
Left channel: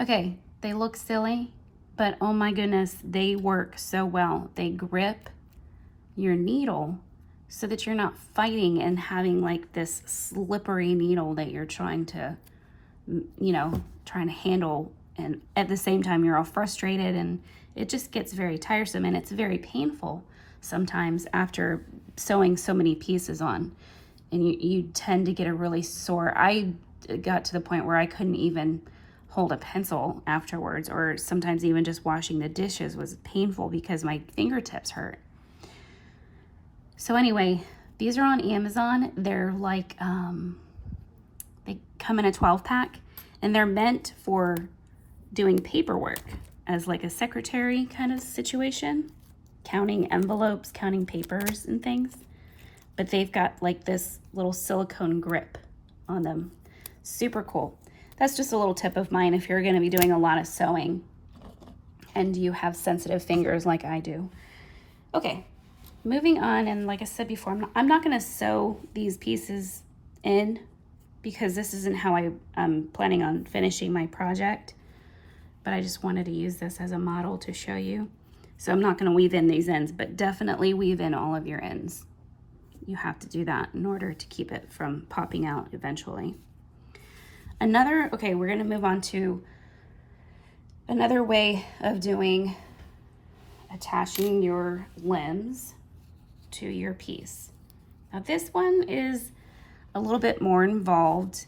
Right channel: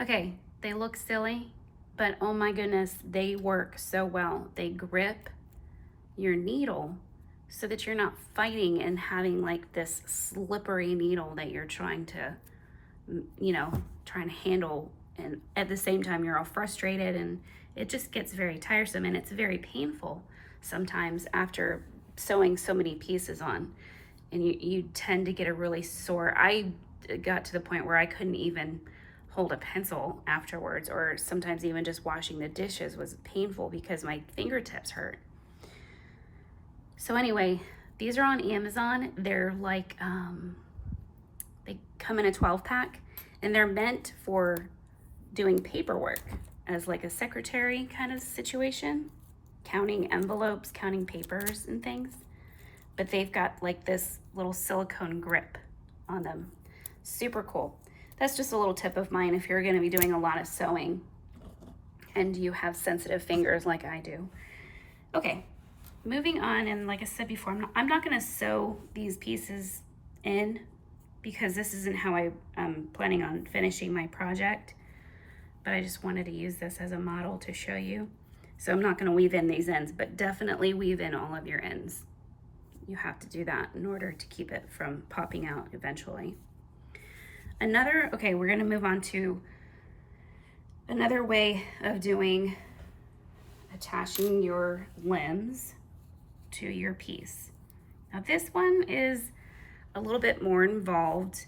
Okay, they look silly, but oh my goodness, they work so well. They grip your needle so that you're not fighting and having like this slippery needle that you're trying to, trying to handle, and at the same time you're all frustrated, and it just gets very tiresome, and it's very painful sometimes after sewing so many pieces on, and you tend to get a really sore. I got to the point where I couldn't even hold a pencil afterwards, or sometimes even just washing the dishes was painful because my fingertips hurt. So anyway, these are on Amazon. They're like, they come in a 12-pack, and they're meant for doing paperwork as like a secretary kind of situation. counting envelopes, counting papers and things, but they've got like this little silicone grip on them. Super cool. That's just a little tip of mine if you're going to be doing a lot of sewing and you have sensitive fingers like I do. Okay, moving on, and like I said before, I'm not going to sew these pieces in because this isn't how I'm planning on finishing my project, but I just wanted to use this as a model to show you. So I'm not going to weave in these ends, but definitely weave in all of your ends. You have to do that in order to keep it from popping out eventually. Okay, we're going to move on to another way of doing attaching your limbs to your piece. Now this one is a little bit more involved.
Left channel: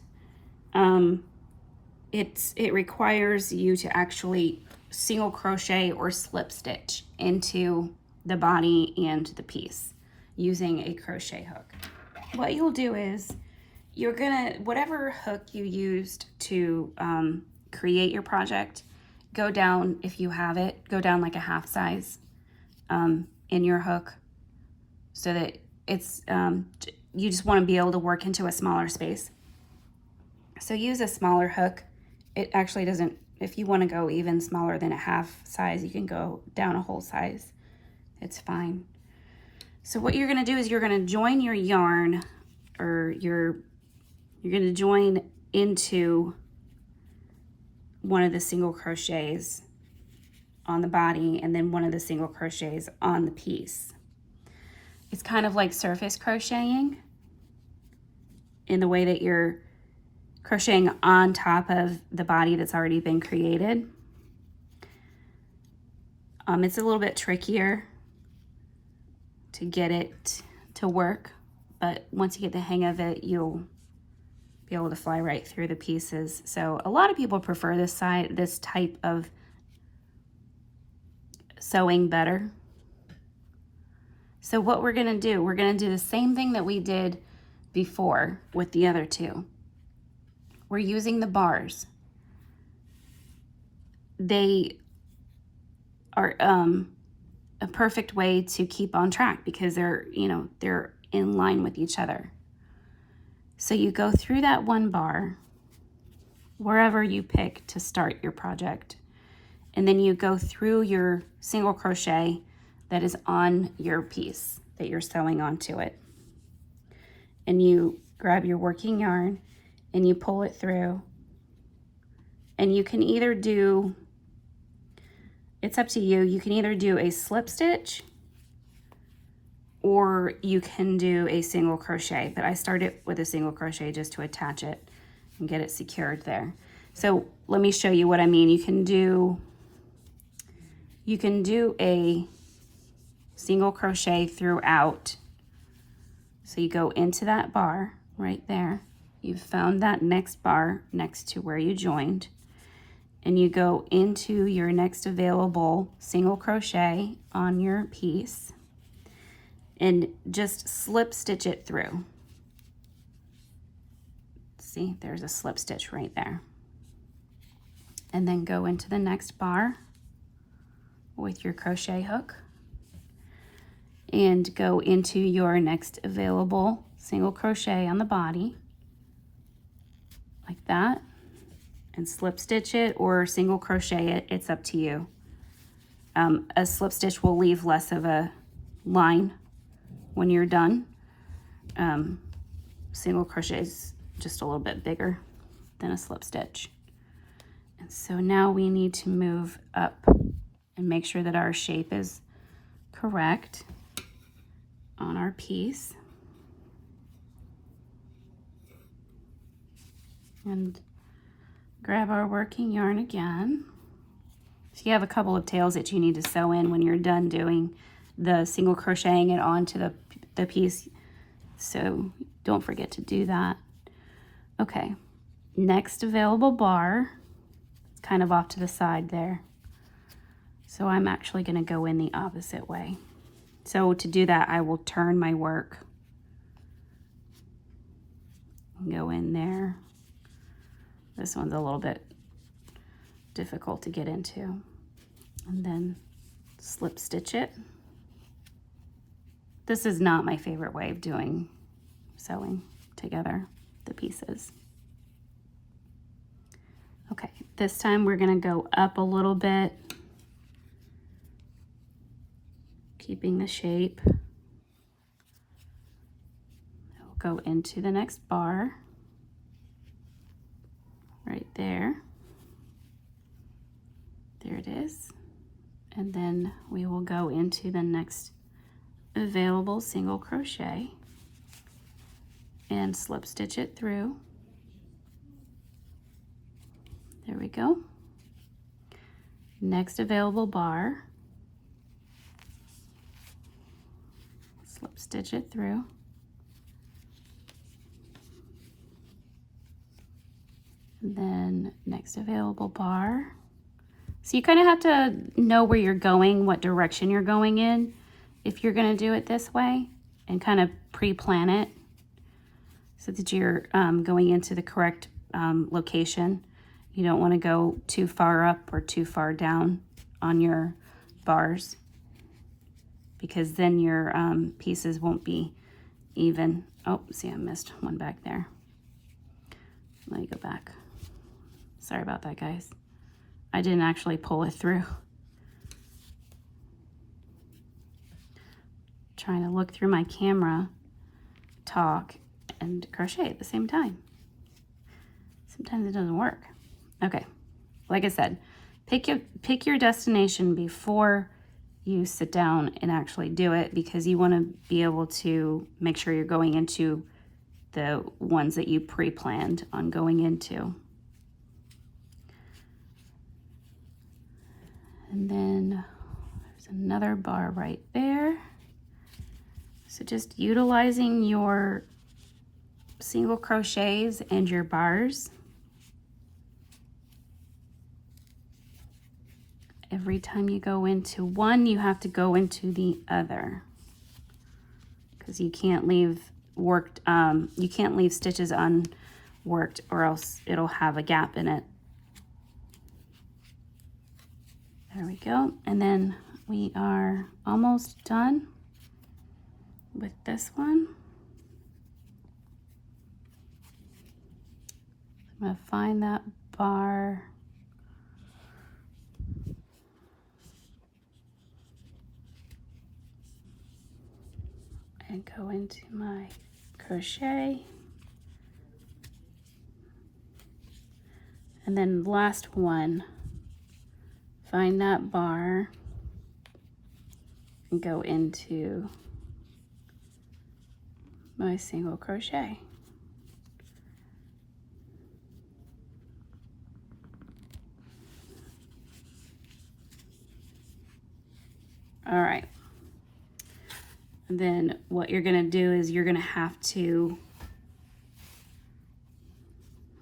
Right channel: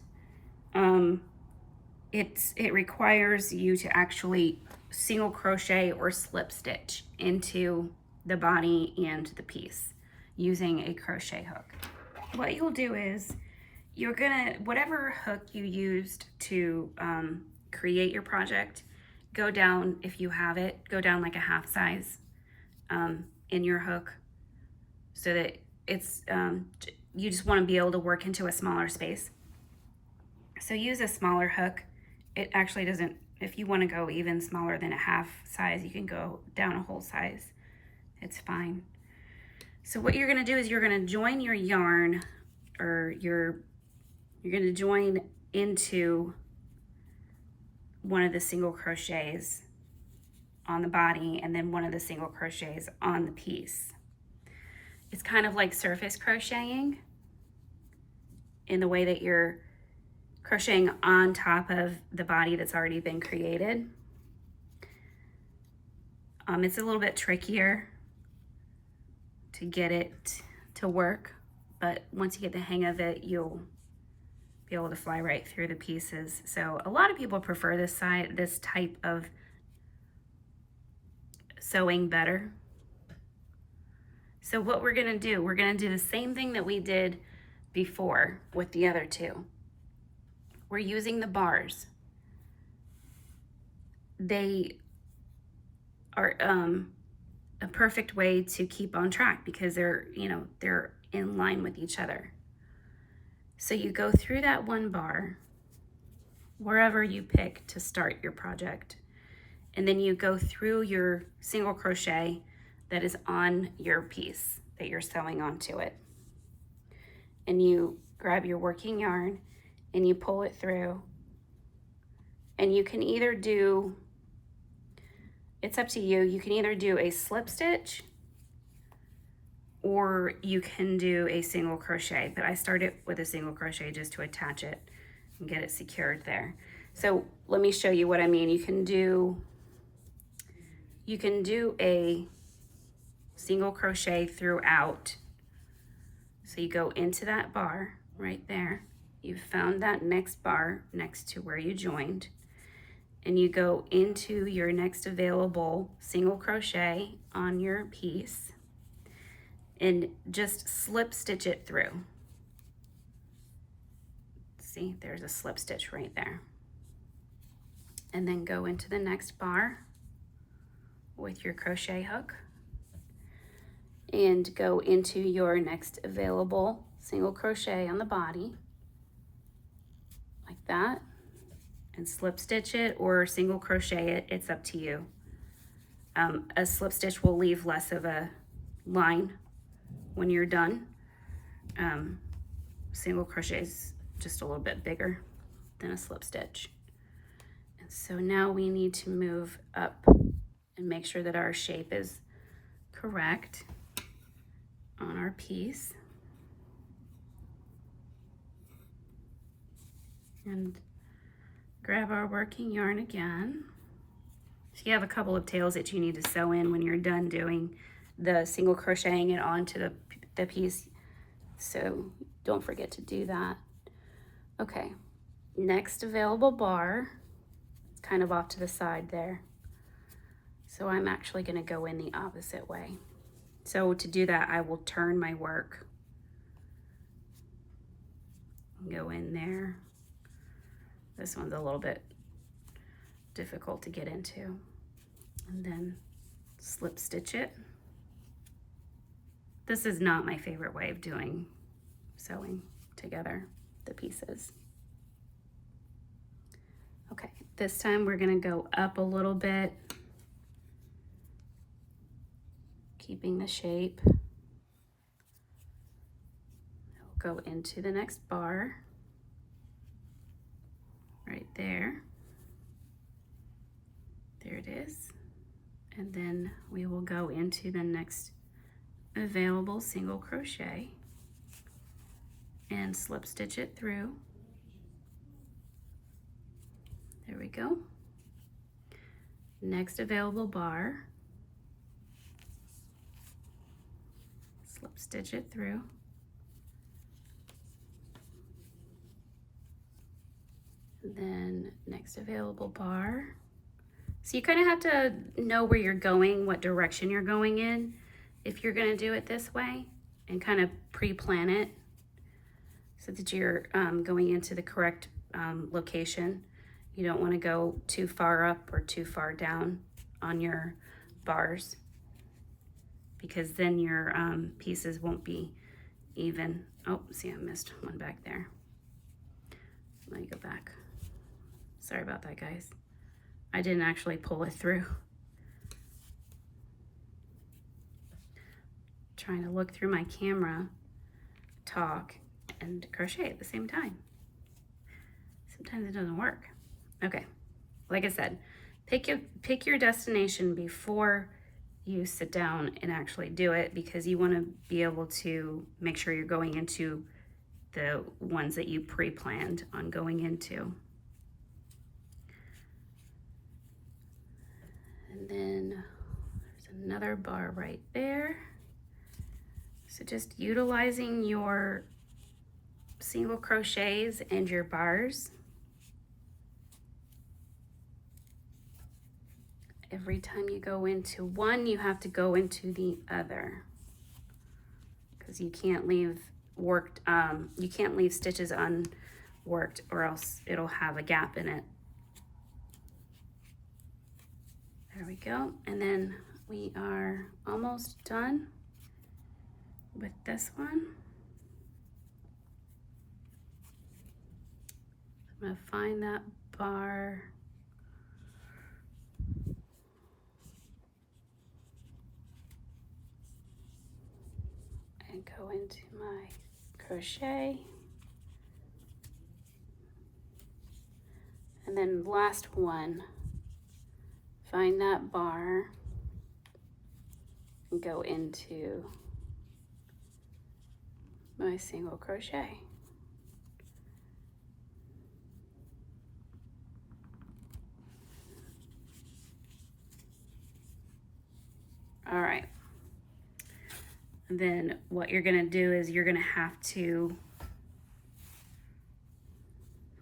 It requires you to actually single crochet or slip stitch into the body and the piece using a crochet hook. What you'll do is you're gonna, whatever hook you used to create your project, go down, if you have it, go down like a half size in your hook so that it's, you just want to be able to work into a smaller space. So use a smaller hook. It actually doesn't, if you want to go even smaller than a half size, you can go down a whole size. It's fine. So what you're going to do is you're going to join your yarn, or you're going to join into one of the single crochets on the body and then one of the single crochets on the piece. It's kind of like surface crocheting in the way that you're crocheting on top of the body that's already been created. It's a little bit trickier to get it to work, but once you get the hang of it, you'll be able to fly right through the pieces. So a lot of people prefer this type of sewing better. So what we're gonna do the same thing that we did before with the other two. We're using the bars. They are a perfect way to keep on track because they're in line with each other. So you go through that one bar wherever you pick to start your project, and then you go through your single crochet that is on your piece that you're sewing onto it, and you grab your working yarn and you pull it through, and you can either do, it's up to you, you can either do a slip stitch or you can do a single crochet, but I started with a single crochet just to attach it and get it secured there. So let me show you what I mean. You can do a single crochet throughout. So you go into that bar right there. You've found that next bar next to where you joined, and you go into your next available single crochet on your piece and just slip stitch it through. See, there's a slip stitch right there. And then go into the next bar with your crochet hook and go into your next available single crochet on the body like that, and slip stitch it or single crochet it. It's up to you. A slip stitch will leave less of a line when you're done. Single crochet is just a little bit bigger than a slip stitch. And so now we need to move up and make sure that our shape is correct on our piece. And grab our working yarn again. So you have a couple of tails that you need to sew in when you're done doing the single crocheting it onto the piece. So don't forget to do that. Okay, next available bar, it's kind of off to the side there. So I'm actually going to go in the opposite way. So to do that, I will turn my work and go in there. This one's a little bit difficult to get into. And then slip stitch it This is not my favorite way of doing sewing together the pieces. Okay, this time we're gonna go up a little bit, keeping the shape. We'll go into the next bar, right there. There it is. And then we will go into the next available single crochet and slip stitch it through. There we go. Next available bar, slip stitch it through. And then next available bar. So you kind of have to know where you're going, what direction you're going in, if you're going to do it this way, and kind of pre-plan it so that you're going into the correct location. You don't want to go too far up or too far down on your bars, because then your pieces won't be even. Oh, see, I missed one back there. Let me go back. Sorry about that, guys. I didn't actually pull it through. Trying to look through my camera, talk, and crochet at the same time. Sometimes it doesn't work. Okay, like I said, pick your destination before you sit down and actually do it, because you want to be able to make sure you're going into the ones that you pre-planned on going into. And then there's another bar right there. So just utilizing your single crochets and your bars. Every time you go into one, you have to go into the other, because you can't leave stitches unworked, or else it'll have a gap in it. There we go. And then we are almost done with this one. I'm going to find that bar. And go into my crochet. And then last one. Find that bar and go into my single crochet. All right. And then what you're gonna do is you're gonna have to,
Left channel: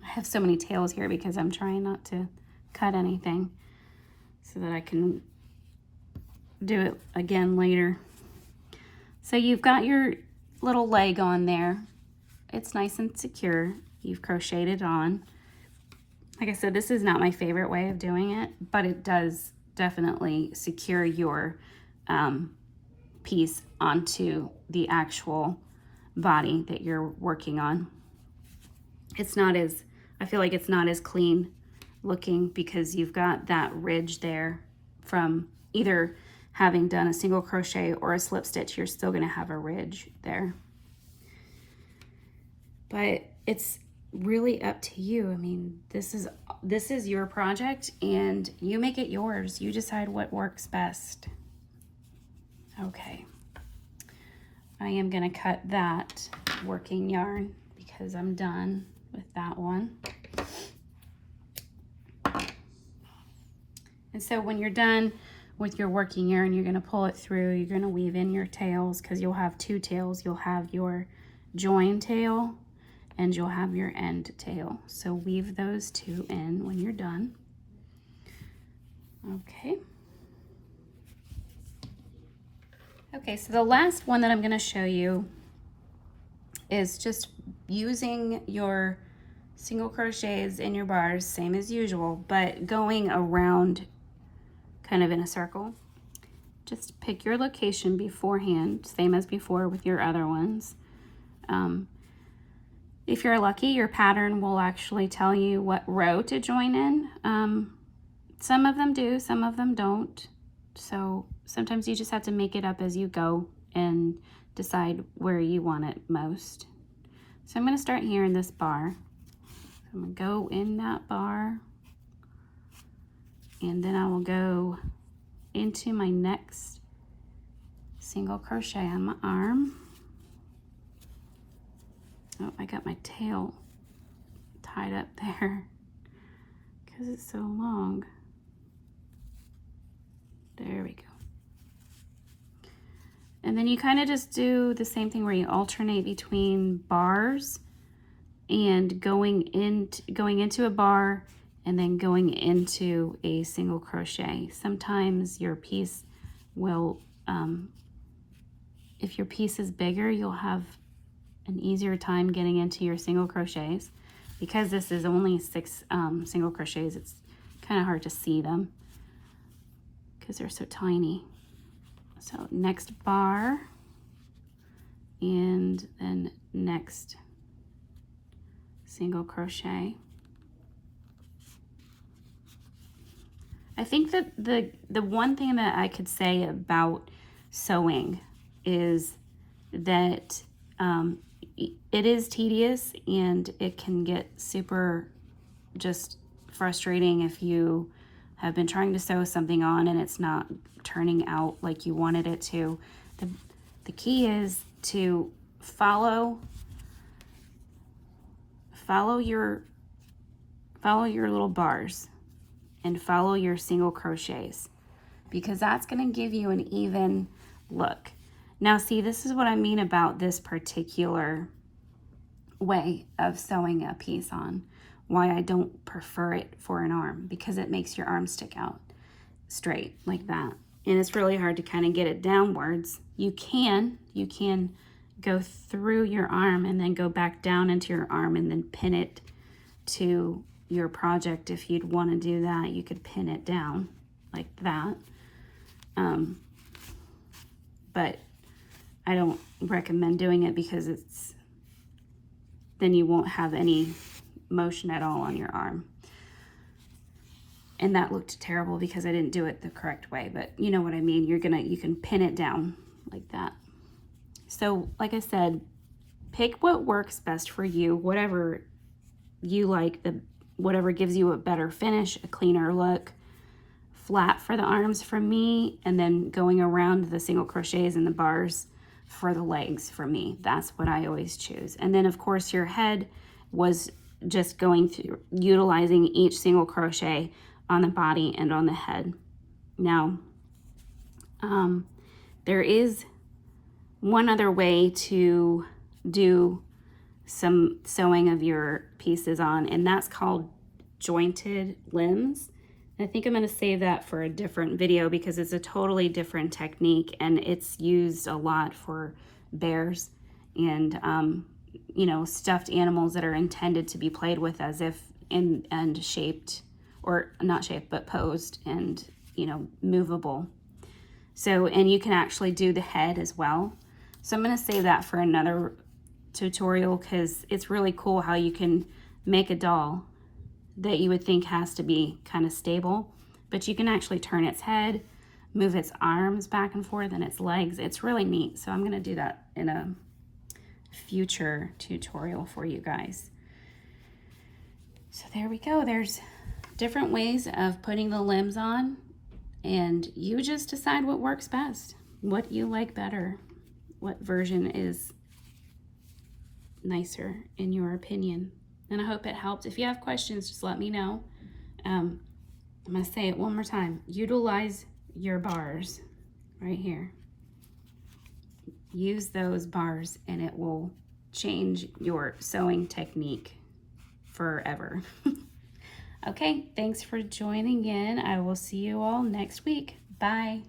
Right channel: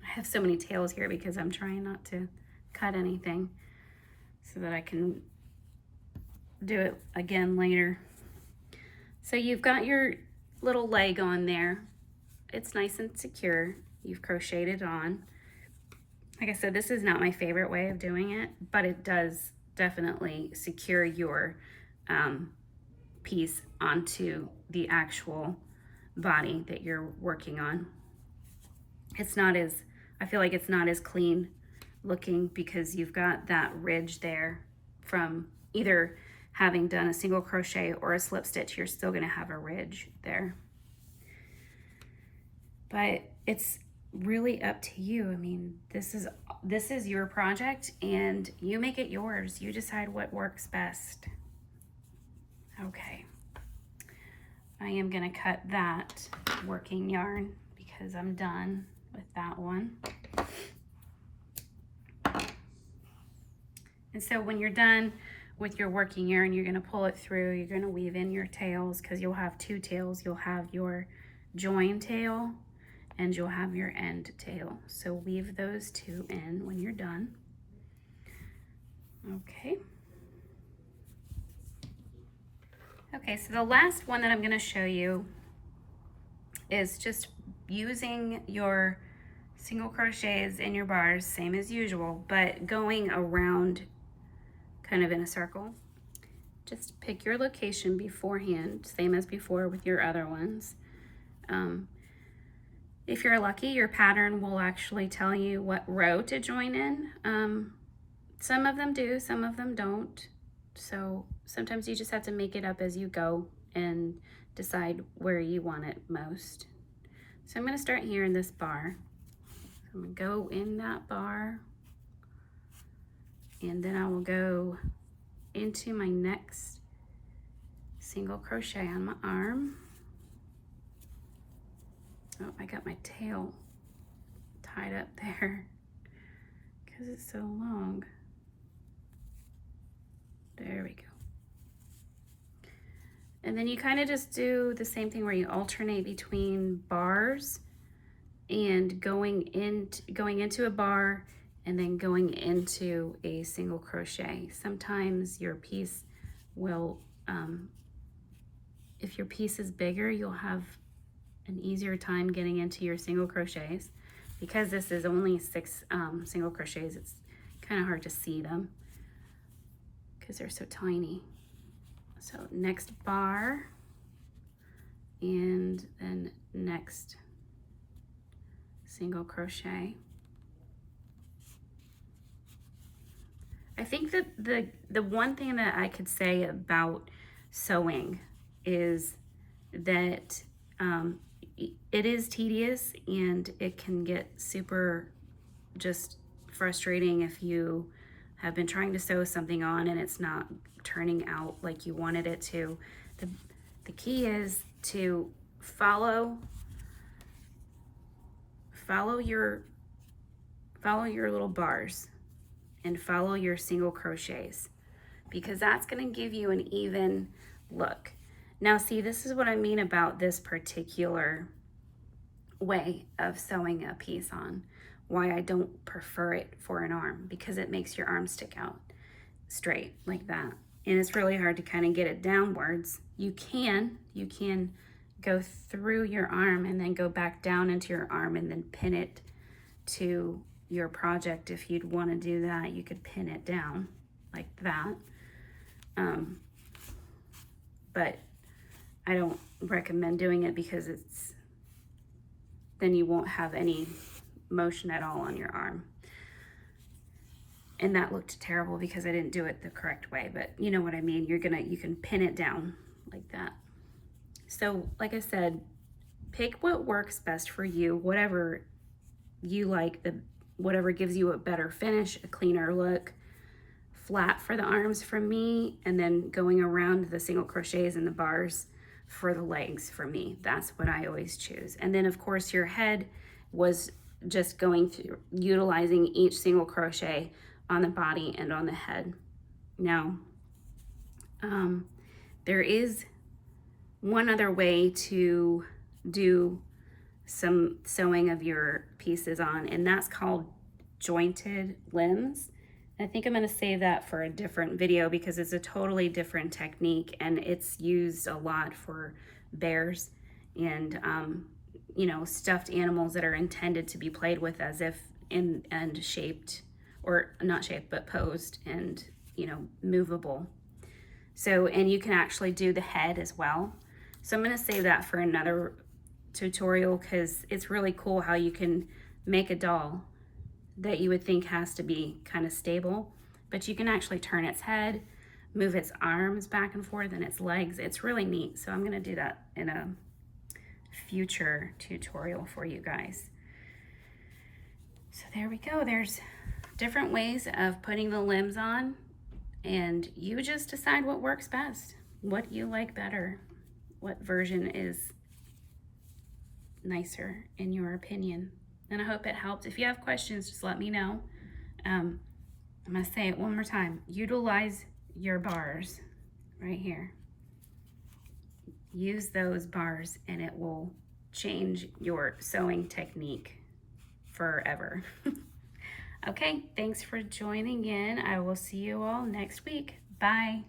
I have so many tails here because I'm trying not to cut anything, so that I can do it again later. So you've got your little leg on there. It's nice and secure. You've crocheted on. Like I said, this is not my favorite way of doing it, but it does definitely secure your piece onto the actual body that you're working on. It's not as, I feel like it's not as clean looking, because you've got that ridge there from either having done a single crochet or a slip stitch. You're still going to have a ridge there, but it's really up to you. I mean, this is your project and you make it yours. You decide what works best. Okay, I am going to cut that working yarn because I'm done with that one. And so when you're done with your working yarn, you're going to pull it through. You're going to weave in your tails, because you'll have two tails. You'll have your join tail and you'll have your end tail. So weave those two in when you're done. Okay. Okay, so the last one that I'm going to show you is just using your single crochets in your bars, same as usual, but going around kind of in a circle, just pick your location beforehand, same as before with your other ones. If you're lucky, your pattern will actually tell you what row to join in. Some of them do, some of them don't. So sometimes you just have to make it up as you go and decide where you want it most. So I'm going to start here in this bar. I'm going to go in that bar, and then I will go into my next single crochet on my arm. Oh, I got my tail tied up there because it's so long. There we go. And then you kind of just do the same thing where you alternate between bars and going into a bar and then going into a single crochet. Sometimes your piece will, if your piece is bigger, you'll have an easier time getting into your single crochets. Because this is only 6 single crochets, it's kind of hard to see them because they're so tiny. So next bar, and then next single crochet. I think that the one thing that I could say about sewing is that it is tedious, and it can get super just frustrating if you have been trying to sew something on and it's not turning out like you wanted it to. The key is to follow your little bars and follow your single crochets, because that's going to give you an even look. Now see, this is what I mean about this particular way of sewing a piece on, why I don't prefer it for an arm, because it makes your arm stick out straight like that. And it's really hard to kind of get it downwards. You can go through your arm and then go back down into your arm and then pin it to your project. If you'd want to do that, you could pin it down like that. But I don't recommend doing it because then you won't have any motion at all on your arm. And that looked terrible because I didn't do it the correct way, but you know what I mean. You can pin it down like that. So like I said, pick what works best for you, whatever you like, whatever gives you a better finish, a cleaner look. Flat for the arms for me, and then going around the single crochets and the bars for the legs for me. That's what I always choose. And then of course your head was just going through utilizing each single crochet on the body and on the head. Now there is one other way to do some sewing of your pieces on, and that's called jointed limbs. I think I'm going to save that for a different video because it's a totally different technique, and it's used a lot for bears and you know, stuffed animals that are intended to be played with as if and shaped, or not shaped but posed and, you know, movable. So, and you can actually do the head as well. So I'm going to save that for another tutorial because it's really cool how you can make a doll that you would think has to be kind of stable, but you can actually turn its head, move its arms back and forth, and its legs. It's really neat. So I'm going to do that in a future tutorial for you guys. So there we go. There's different ways of putting the limbs on, and you just decide what works best, what you like better, what version is nicer in your opinion. And I hope it helped. If you have questions, just let me know. I'm going to say it one more time. Utilize your bars right here. Use those bars and it will change your sewing technique forever. Okay, thanks for joining in. I will see you all next week. Bye.